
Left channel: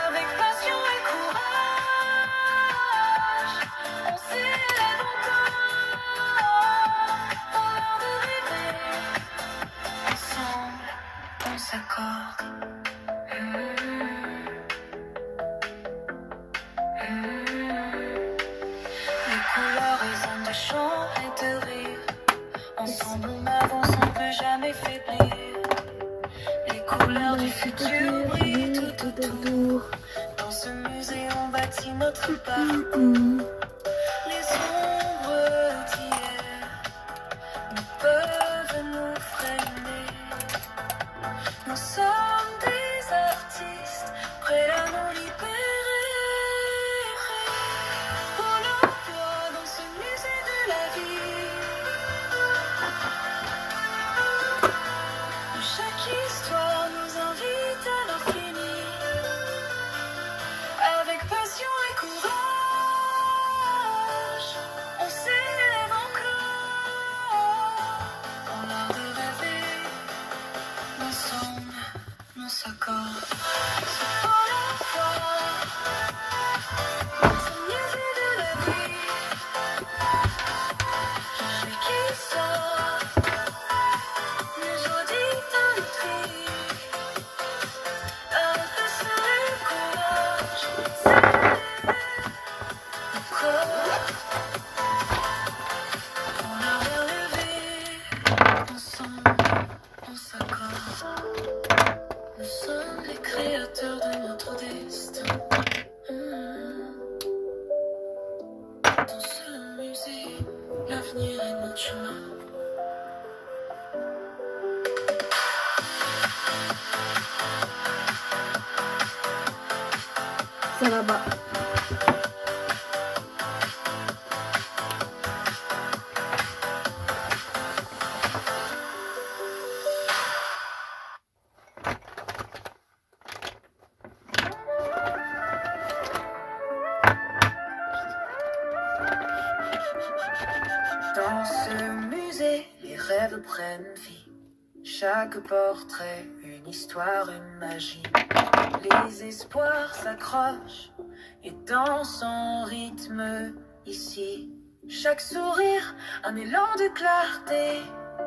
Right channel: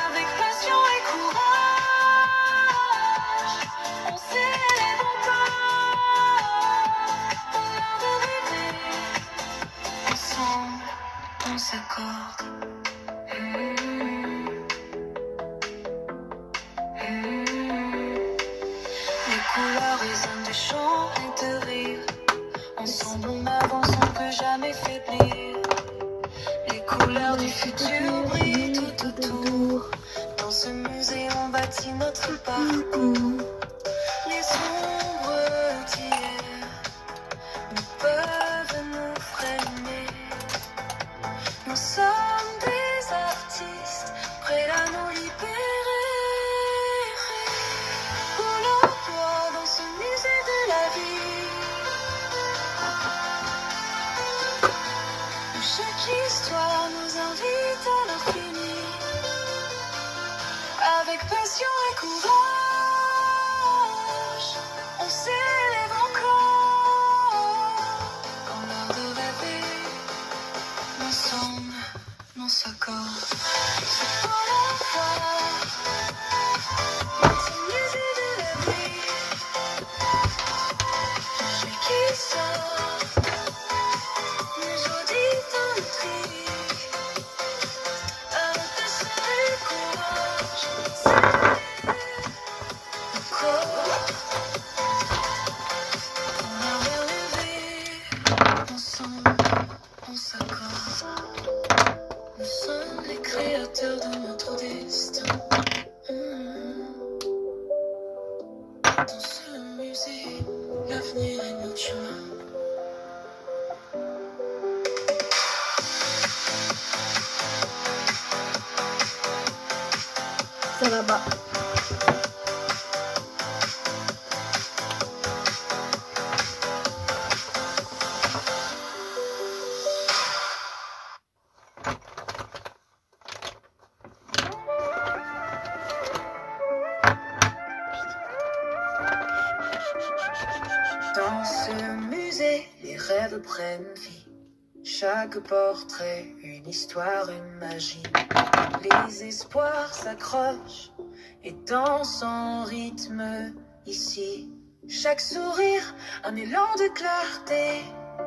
Avec passion et courage, on s'élève encore pour l'heure de rêver. Ensemble, on s'accorde. Les couleurs résonnent de chant et de rire. Ensemble on avance, on ne peut jamais faiblir. Les couleurs du futur brillent tout autour. Dans ce musée on bâtit notre parcours. Les ombres d'hier ne peuvent nous freiner. Nous sommes des artistes prêts à nous libérer. Pôle emploi dans ce musée de la vie, où chaque histoire nous invite à l'infini. Avec passion et courage, Ça va bas. Dans ce musée, les rêves prennent vie. Chaque portrait, une histoire, une magie. Les espoirs s'accrochent et dansent en rythme ici. Chaque sourire, un élan de clarté.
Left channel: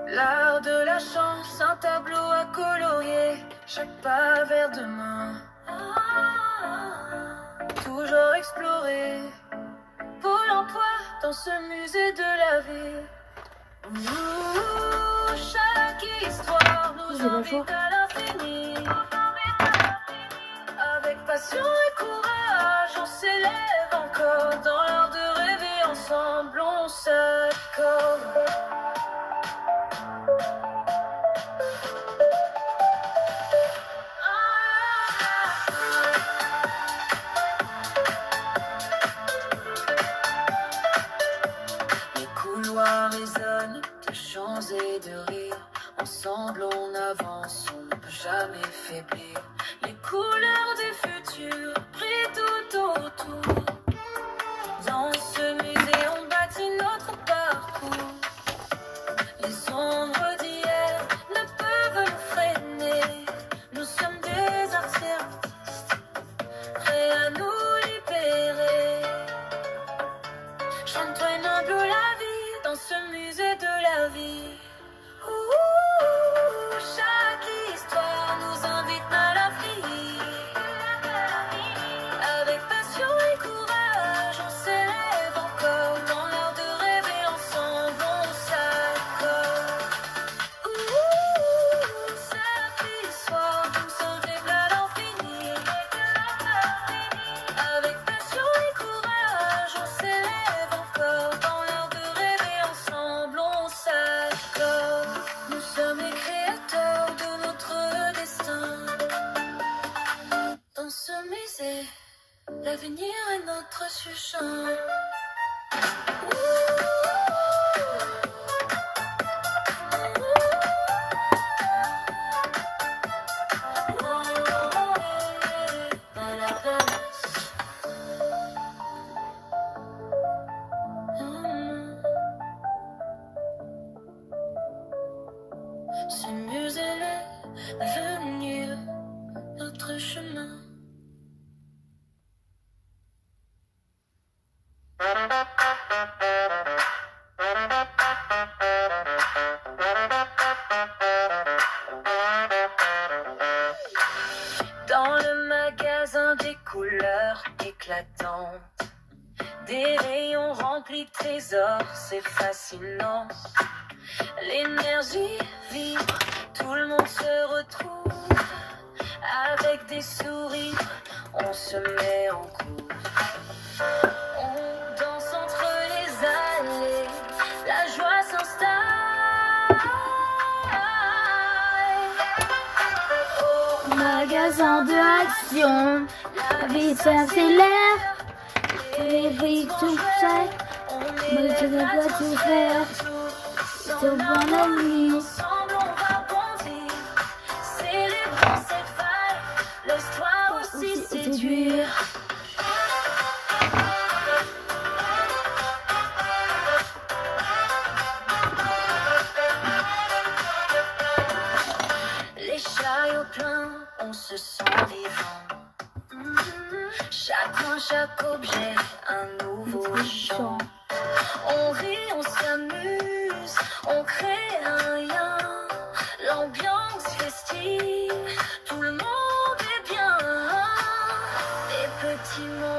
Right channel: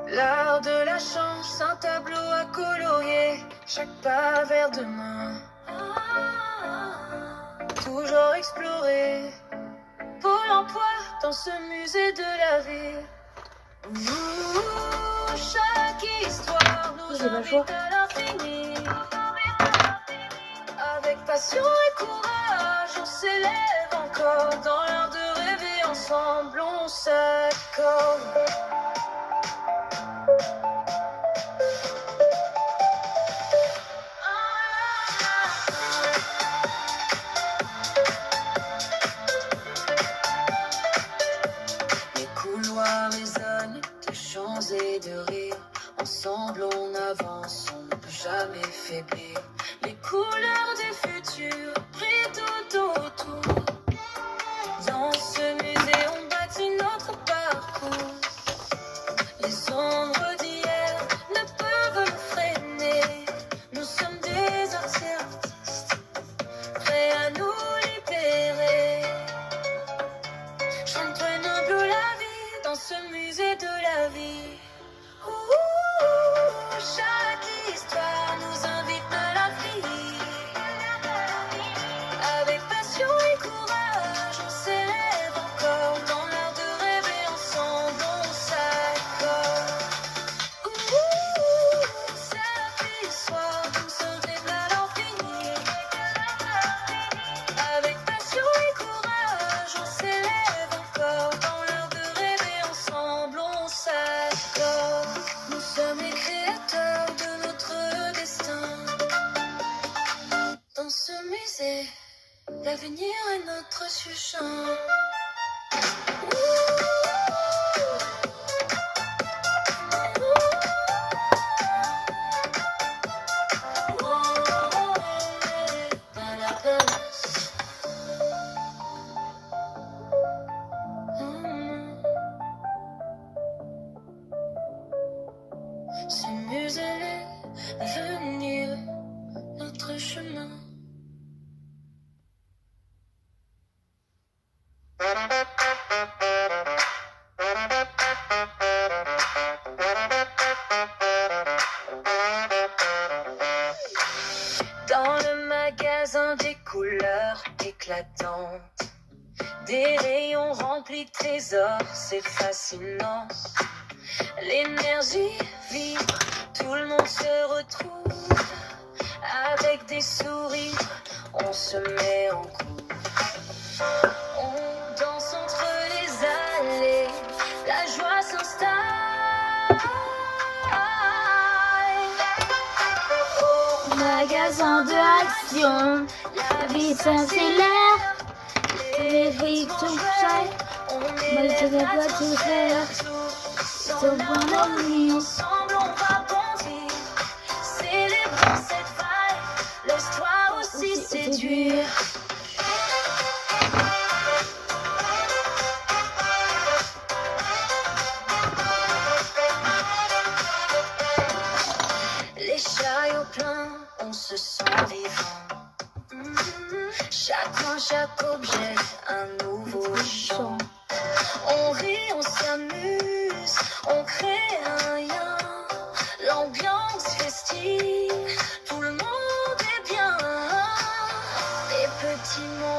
L'art de la chance, un tableau à colorier. Chaque pas vers demain, toujours explorer. Pôle emploi dans ce musée de la vie. Chaque histoire nous invite à l'infini. Avec passion et courage, on s'élève encore. Dans l'art de rêver ensemble, on s'accorde. Les couloirs résonnent de chants et de rires. Ensemble on avance, on ne peut jamais faiblir. Les couleurs des futurs brillent tout autour. Dans ce musée on bâtit notre parcours. Les ombres d'hier ne peuvent nous freiner. Nous sommes des artistes, prêts à nous libérer. Chante noble la vie dans ce musée de la vie. Chaque histoire nous invite à l'infini. Avec passion et courage, on s'élève encore. Dans l'art de rêver ensemble, on s'accorde. Chaque histoire nous invite à l'infini. Avec passion et courage, on s'élève encore. Dans l'art de rêver ensemble, on s'accorde. Nous sommes les créateurs de notre destin. Dans ce musée, l'avenir est notre chant. Ce musée est l'avenir, notre chemin. Dans le magasin des couleurs éclatantes, des rayons remplis de trésors, c'est fascinant. L'énergie vibre, tout le monde se retrouve. Avec des sourires, on se met en couple. On danse entre les allées, la joie s'installe. Au Magasin de action, la vie s'accélère. Les briques sont prêtes, moi je ne peux pas tout faire. C'est au bon ami. Ensemble on va bondir, célébrons cette vibe, laisse-toi aussi séduire. Les chats plein, on se sent vivant. Chaque main, chaque objet, un nouveau chant. On rit, on s'amuse, on crée un lien. L'ambiance festive, tout le monde est bien. Des petits mots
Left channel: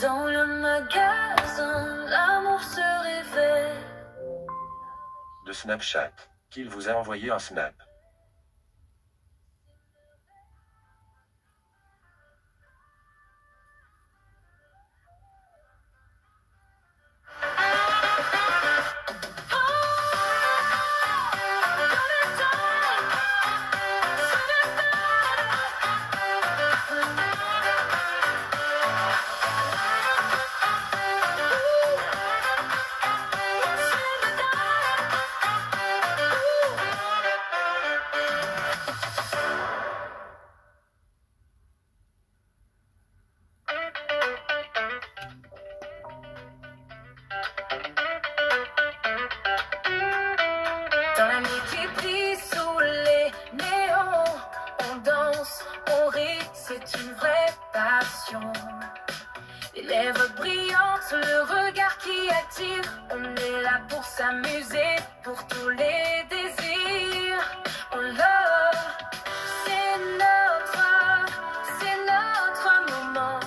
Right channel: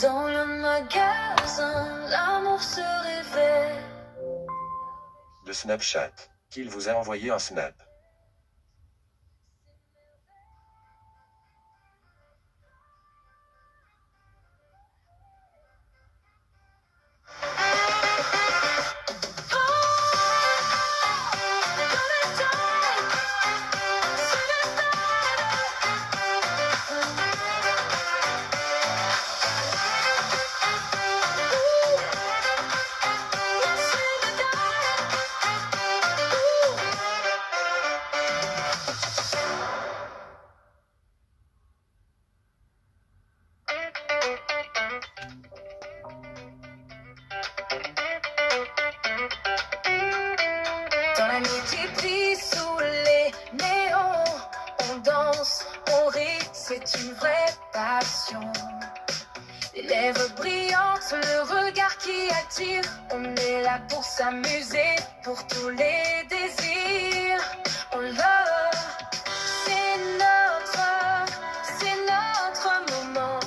Dans le magasin, l'amour se révèle. De Snapchat. Qu'il vous a envoyé un snap. Dans la multiplie sous les néons, on danse, on rit, c'est une vraie passion. Les lèvres brillantes, le regard qui attire, on est là pour s'amuser, pour tous les désirs. On love, c'est notre moment,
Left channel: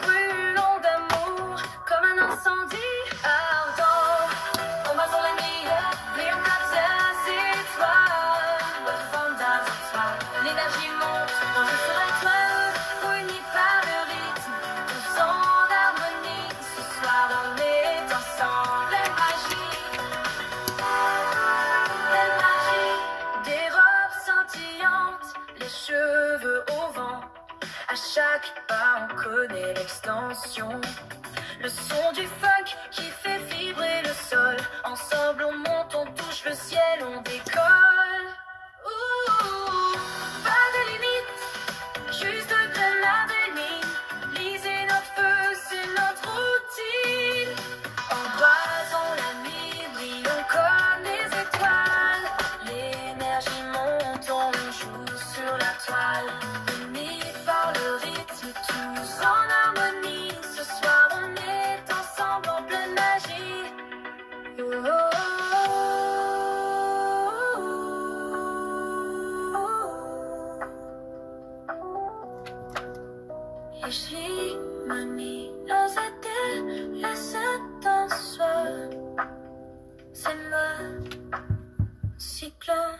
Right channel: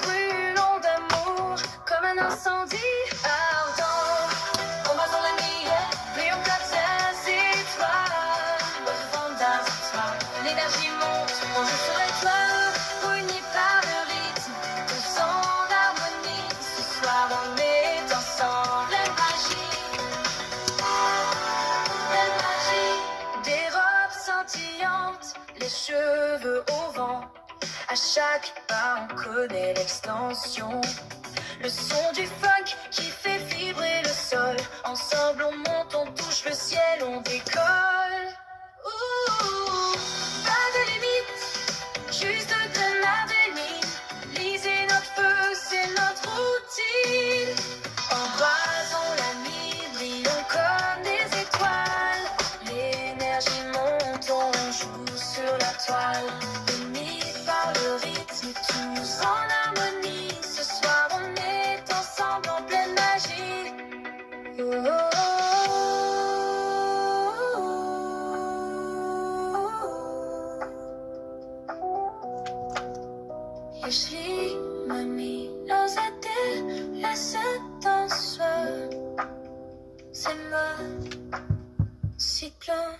brûlons d'amour, comme un incendie ardent. On va dans la nuit, puis on capte les étoiles, l'énergie monte, on joue sur l'étoile, unis par le rythme, tous en harmonie. Ce soir on est ensemble, la magie, des robes scintillantes, les cheveux au vent. À chaque pas on connaît l'extension, le son du funk qui fait vibrer le sol. Ensemble on monte, on touche le ciel, on décolle. Ouh, pas de limite, juste de l'adrénaline. Lisez notre feu, c'est notre routine. Embrasons la nuit, brillons comme des étoiles. L'énergie monte, on joue sur la toile. Unis par le rythme, tous en harmonie. Ce soir on est ensemble en pleine magie. Jeśli mami rozete dans soi, c'est moi, cyclone.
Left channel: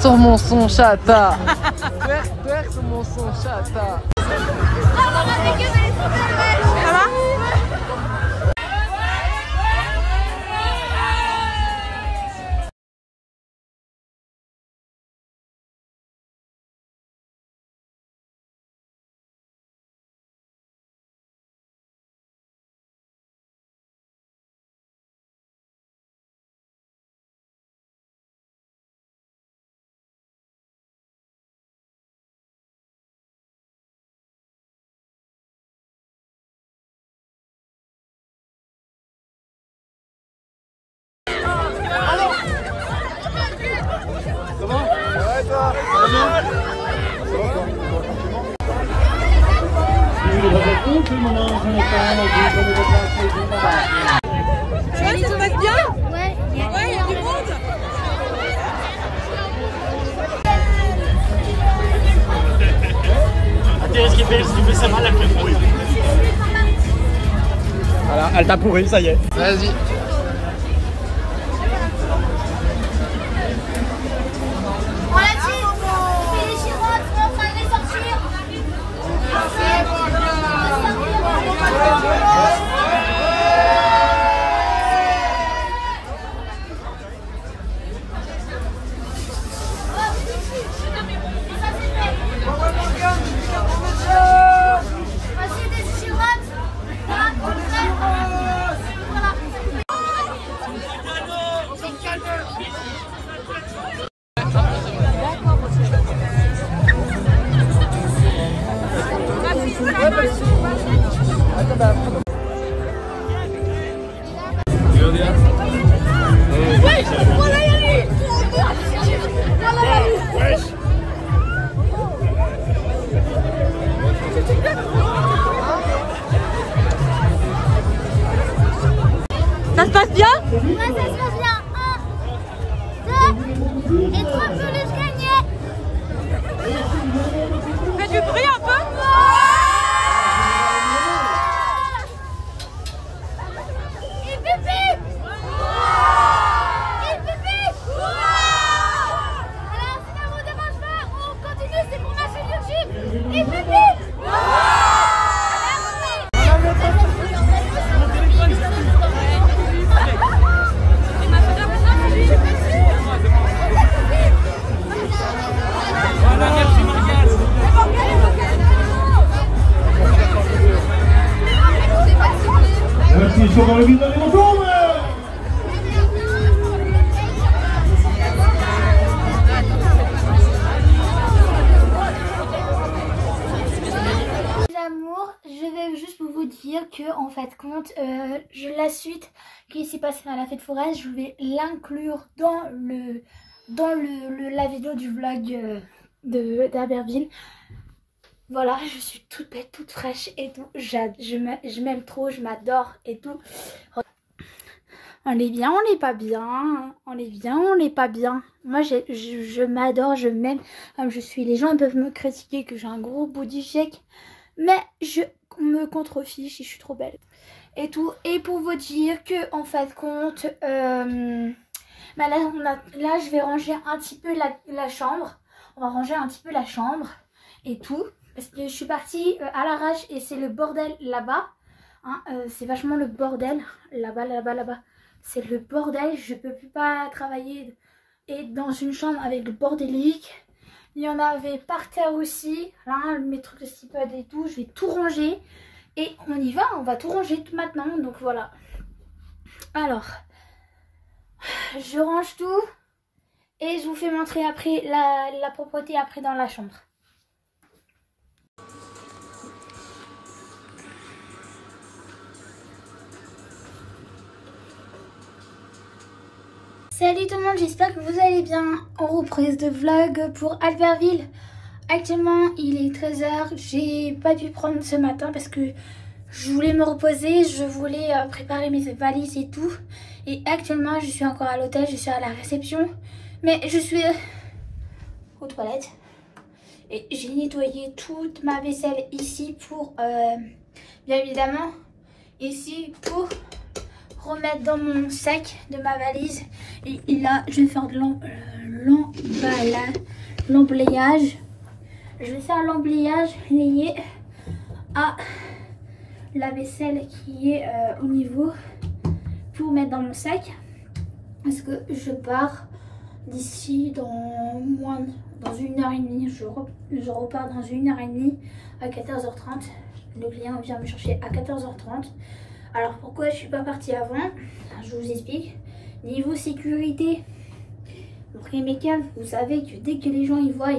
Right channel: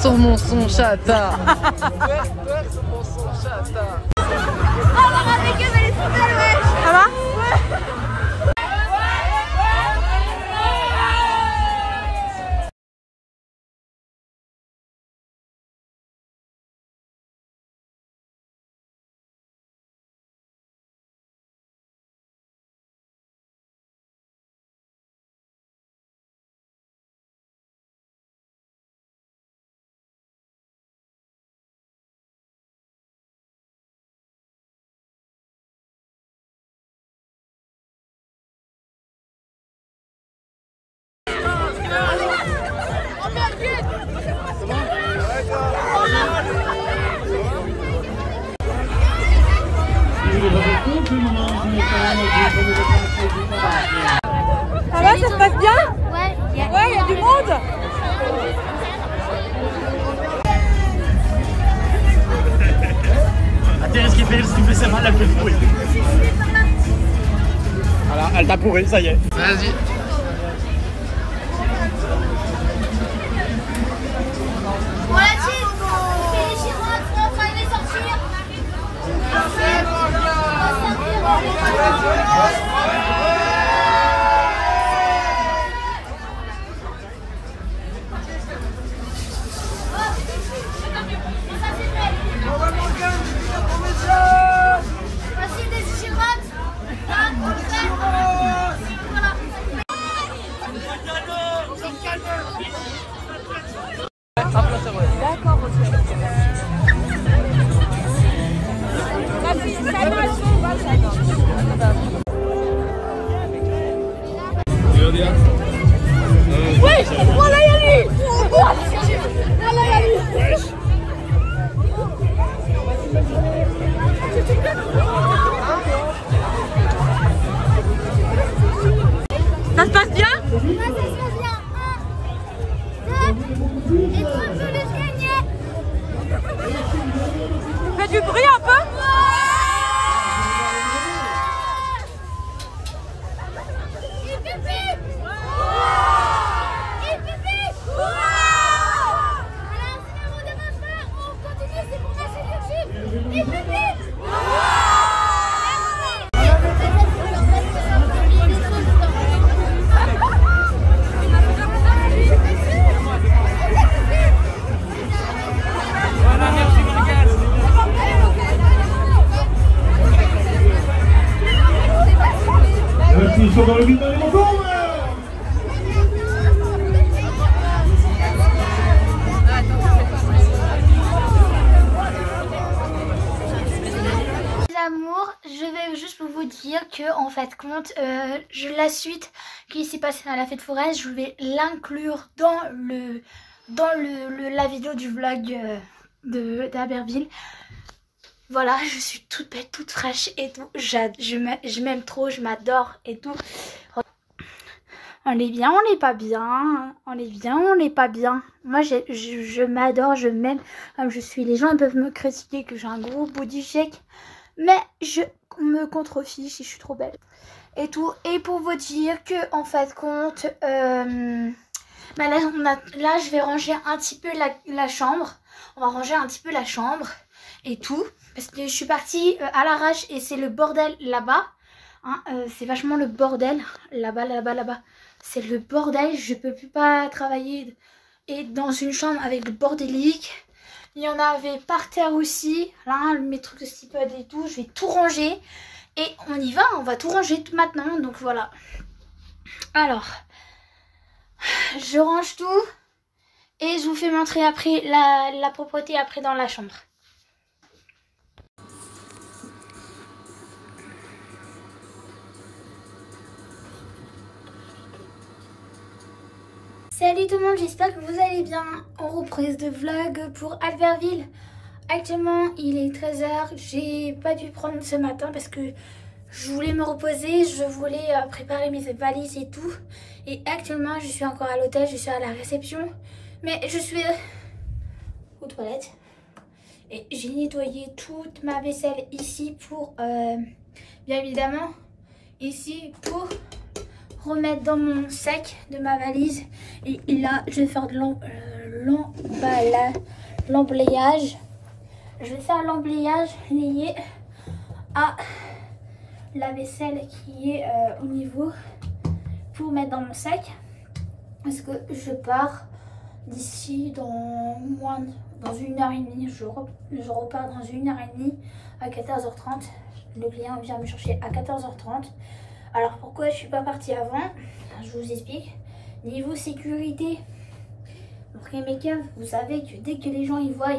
Sur mon son chapa. Ça va? Ça se passe bien? Ouais, il y a du monde. Voilà, elle t'a pourri, ça y est. Vas-y. On la tire, on fait les girottes, on va les sortir. Après, on va servir les voici des girottes. Là, voilà. Ça se passe bien? Ouais, ça se passe bien. 1, 2 et 3 peluches gagnées. Fais du bruit un peu? Et pipi. Et pipi. Alors, si ça vous dérange pas, on continue, c'est pour ma chaîne YouTube. Et pipi. Dans le vide dans les enfants. Les amours, je vais juste vous dire que en fait compte, la suite qui s'est passée à la fête foraine, je vais l'inclure dans la vidéo du vlog d'Albertville. Voilà, je suis toute belle, toute fraîche et tout. Je m'aime trop, je m'adore et tout. On est bien, on n'est pas bien. On est bien, on n'est pas bien. Moi, je m'adore, je m'aime comme je suis. Les gens peuvent me critiquer que j'ai un gros body shake. Mais je me contrefiche et je suis trop belle. Et tout. Et pour vous dire que, en fait, compte... bah là, je vais ranger un petit peu la chambre. On va ranger un petit peu la chambre et tout. Parce que je suis partie à l'arrache et c'est le bordel là-bas. Hein, c'est vachement le bordel. Là-bas. C'est le bordel. Je peux plus pas travailler et dans une chambre avec le bordélique. Il y en avait par terre aussi. Là, mes trucs de stipod et tout. Je vais tout ranger. Et on y va. On va tout ranger tout maintenant. Donc voilà. Alors, je range tout. Et je vous fais montrer après la propreté après dans la chambre. Salut tout le monde, j'espère que vous allez bien. En reprise de vlog pour Albertville. Actuellement il est 13h, j'ai pas pu prendre ce matin parce que je voulais me reposer, je voulais préparer mes valises et tout. Et actuellement je suis encore à l'hôtel, je suis à la réception. Mais je suis aux toilettes. Et j'ai nettoyé toute ma vaisselle ici pour, bien évidemment, ici pour remettre dans mon sac de ma valise. Et là, je vais faire de l'emblayage. Je vais faire l'emblayage lié à la vaisselle qui est au niveau pour mettre dans mon sac. Parce que je pars d'ici dans 1h30. Je repars dans 1h30 à 14h30. Le client vient me chercher à 14h30. Alors pourquoi je suis pas partie avant? Je vous explique. Niveau sécurité, Morgan Make-up, vous savez que dès que les gens y voient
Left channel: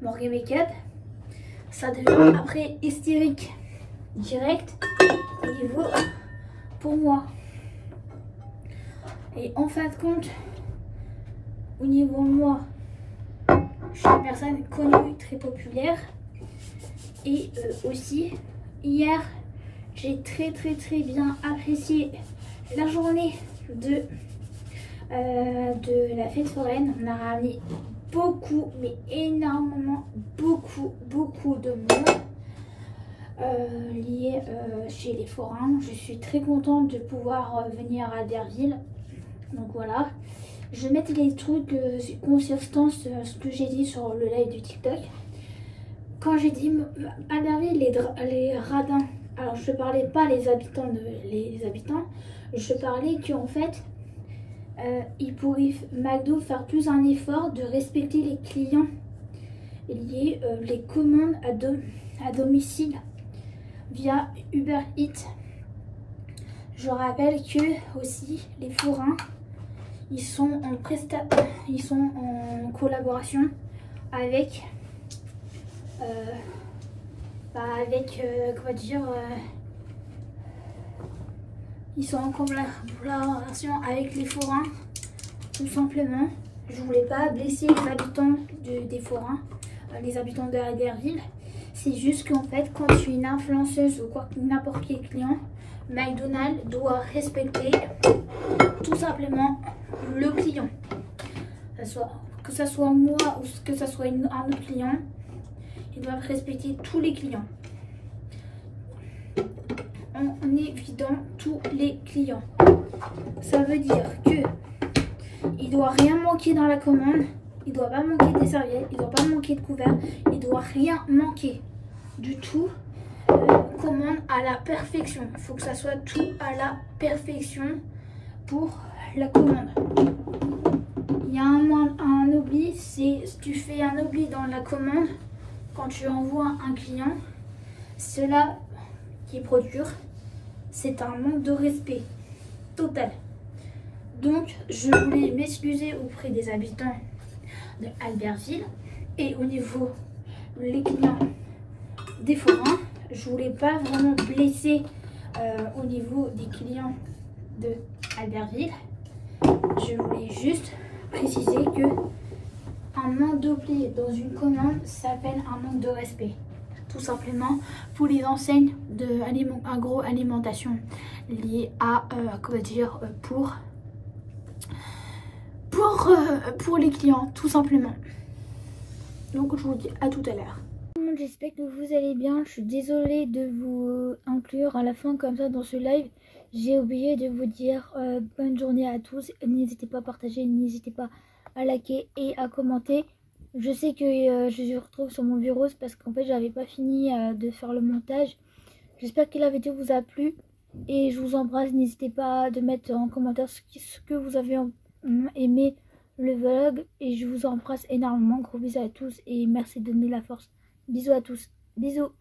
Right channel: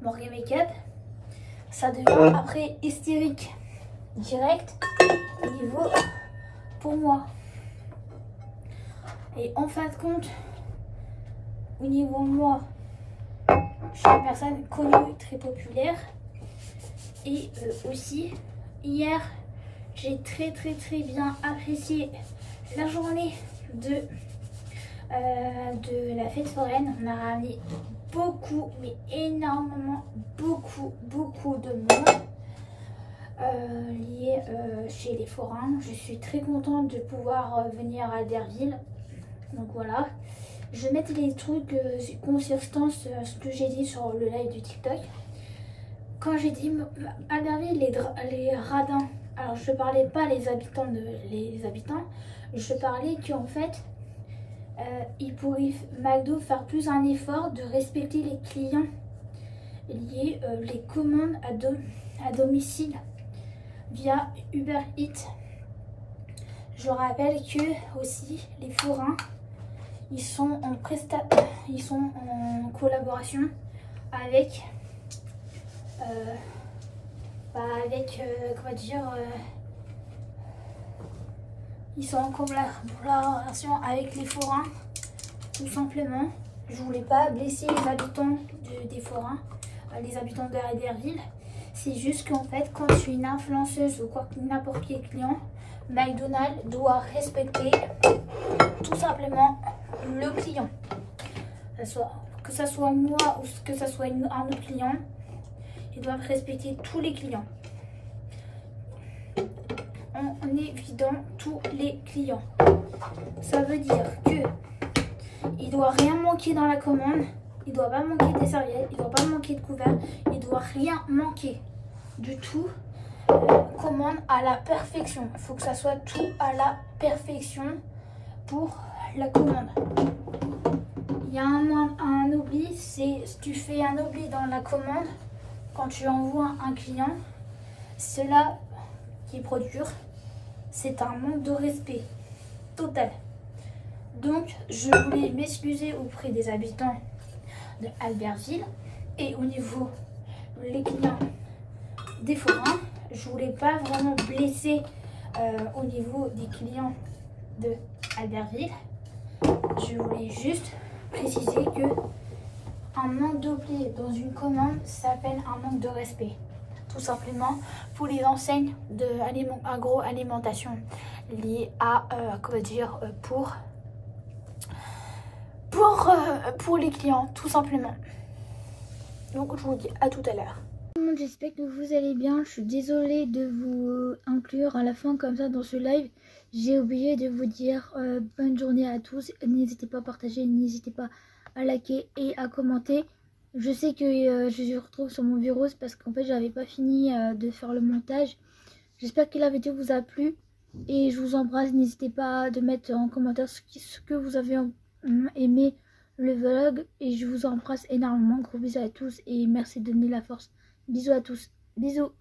Morgan Make-up, ça devient après hystérique direct au niveau pour moi. Et en fin de compte, au niveau moi, je suis une personne connue, très populaire. Et aussi, hier, j'ai très bien apprécié la journée de la fête foraine. On a ramené beaucoup, mais énormément, beaucoup de monde lié chez les forains. Je suis très contente de pouvoir venir à Albertville. Donc voilà. Je vais mettre les trucs consistance, ce que j'ai dit sur le live du TikTok. Quand j'ai dit Albertville, les radins, alors je parlais pas les habitants, je parlais qu'en fait, il pourrait McDo faire plus un effort de respecter les clients liés les commandes à domicile via Uber Eats. Je rappelle que aussi les forains, ils sont en collaboration avec comment dire, ils sont en collaboration avec les forains, tout simplement. Je voulais pas blesser les habitants des forains, les habitants de Albertville. C'est juste qu'en fait, quand je suis une influenceuse ou quoi, n'importe quel client, McDonald's doit respecter tout simplement le client. Que ce soit moi ou que ce soit un autre client, ils doivent respecter tous les clients. En évident, tous les clients. Ça veut dire que il doit rien manquer dans la commande. Il doit pas manquer des serviettes, il doit pas manquer de couverts, il doit rien manquer du tout. Commande à la perfection. Il faut que ça soit tout à la perfection pour la commande. Il y a un oubli, c'est si tu fais un oubli dans la commande, quand tu envoies un client, cela qui produire, c'est un manque de respect total. Donc je voulais m'excuser auprès des habitants de Albertville et au niveau les clients des forains. Je voulais pas vraiment blesser au niveau des clients de Albertville. Je voulais juste préciser que un manque d'oubli dans une commande s'appelle un manque de respect. Tout simplement pour les enseignes de agroalimentation liées à comment dire, pour les clients, tout simplement. Donc je vous dis à tout à l'heure. J'espère que vous allez bien. Je suis désolée de vous inclure à la fin comme ça dans ce live. J'ai oublié de vous dire bonne journée à tous. N'hésitez pas à partager, n'hésitez pas à liker et à commenter. Je sais que je me retrouve sur mon virus parce qu'en fait j'avais pas fini de faire le montage. J'espère que la vidéo vous a plu et je vous embrasse. N'hésitez pas à mettre en commentaire ce que vous avez aimé le vlog et je vous embrasse énormément. Gros bisous à tous et merci de donner la force. Bisous à tous. Bisous.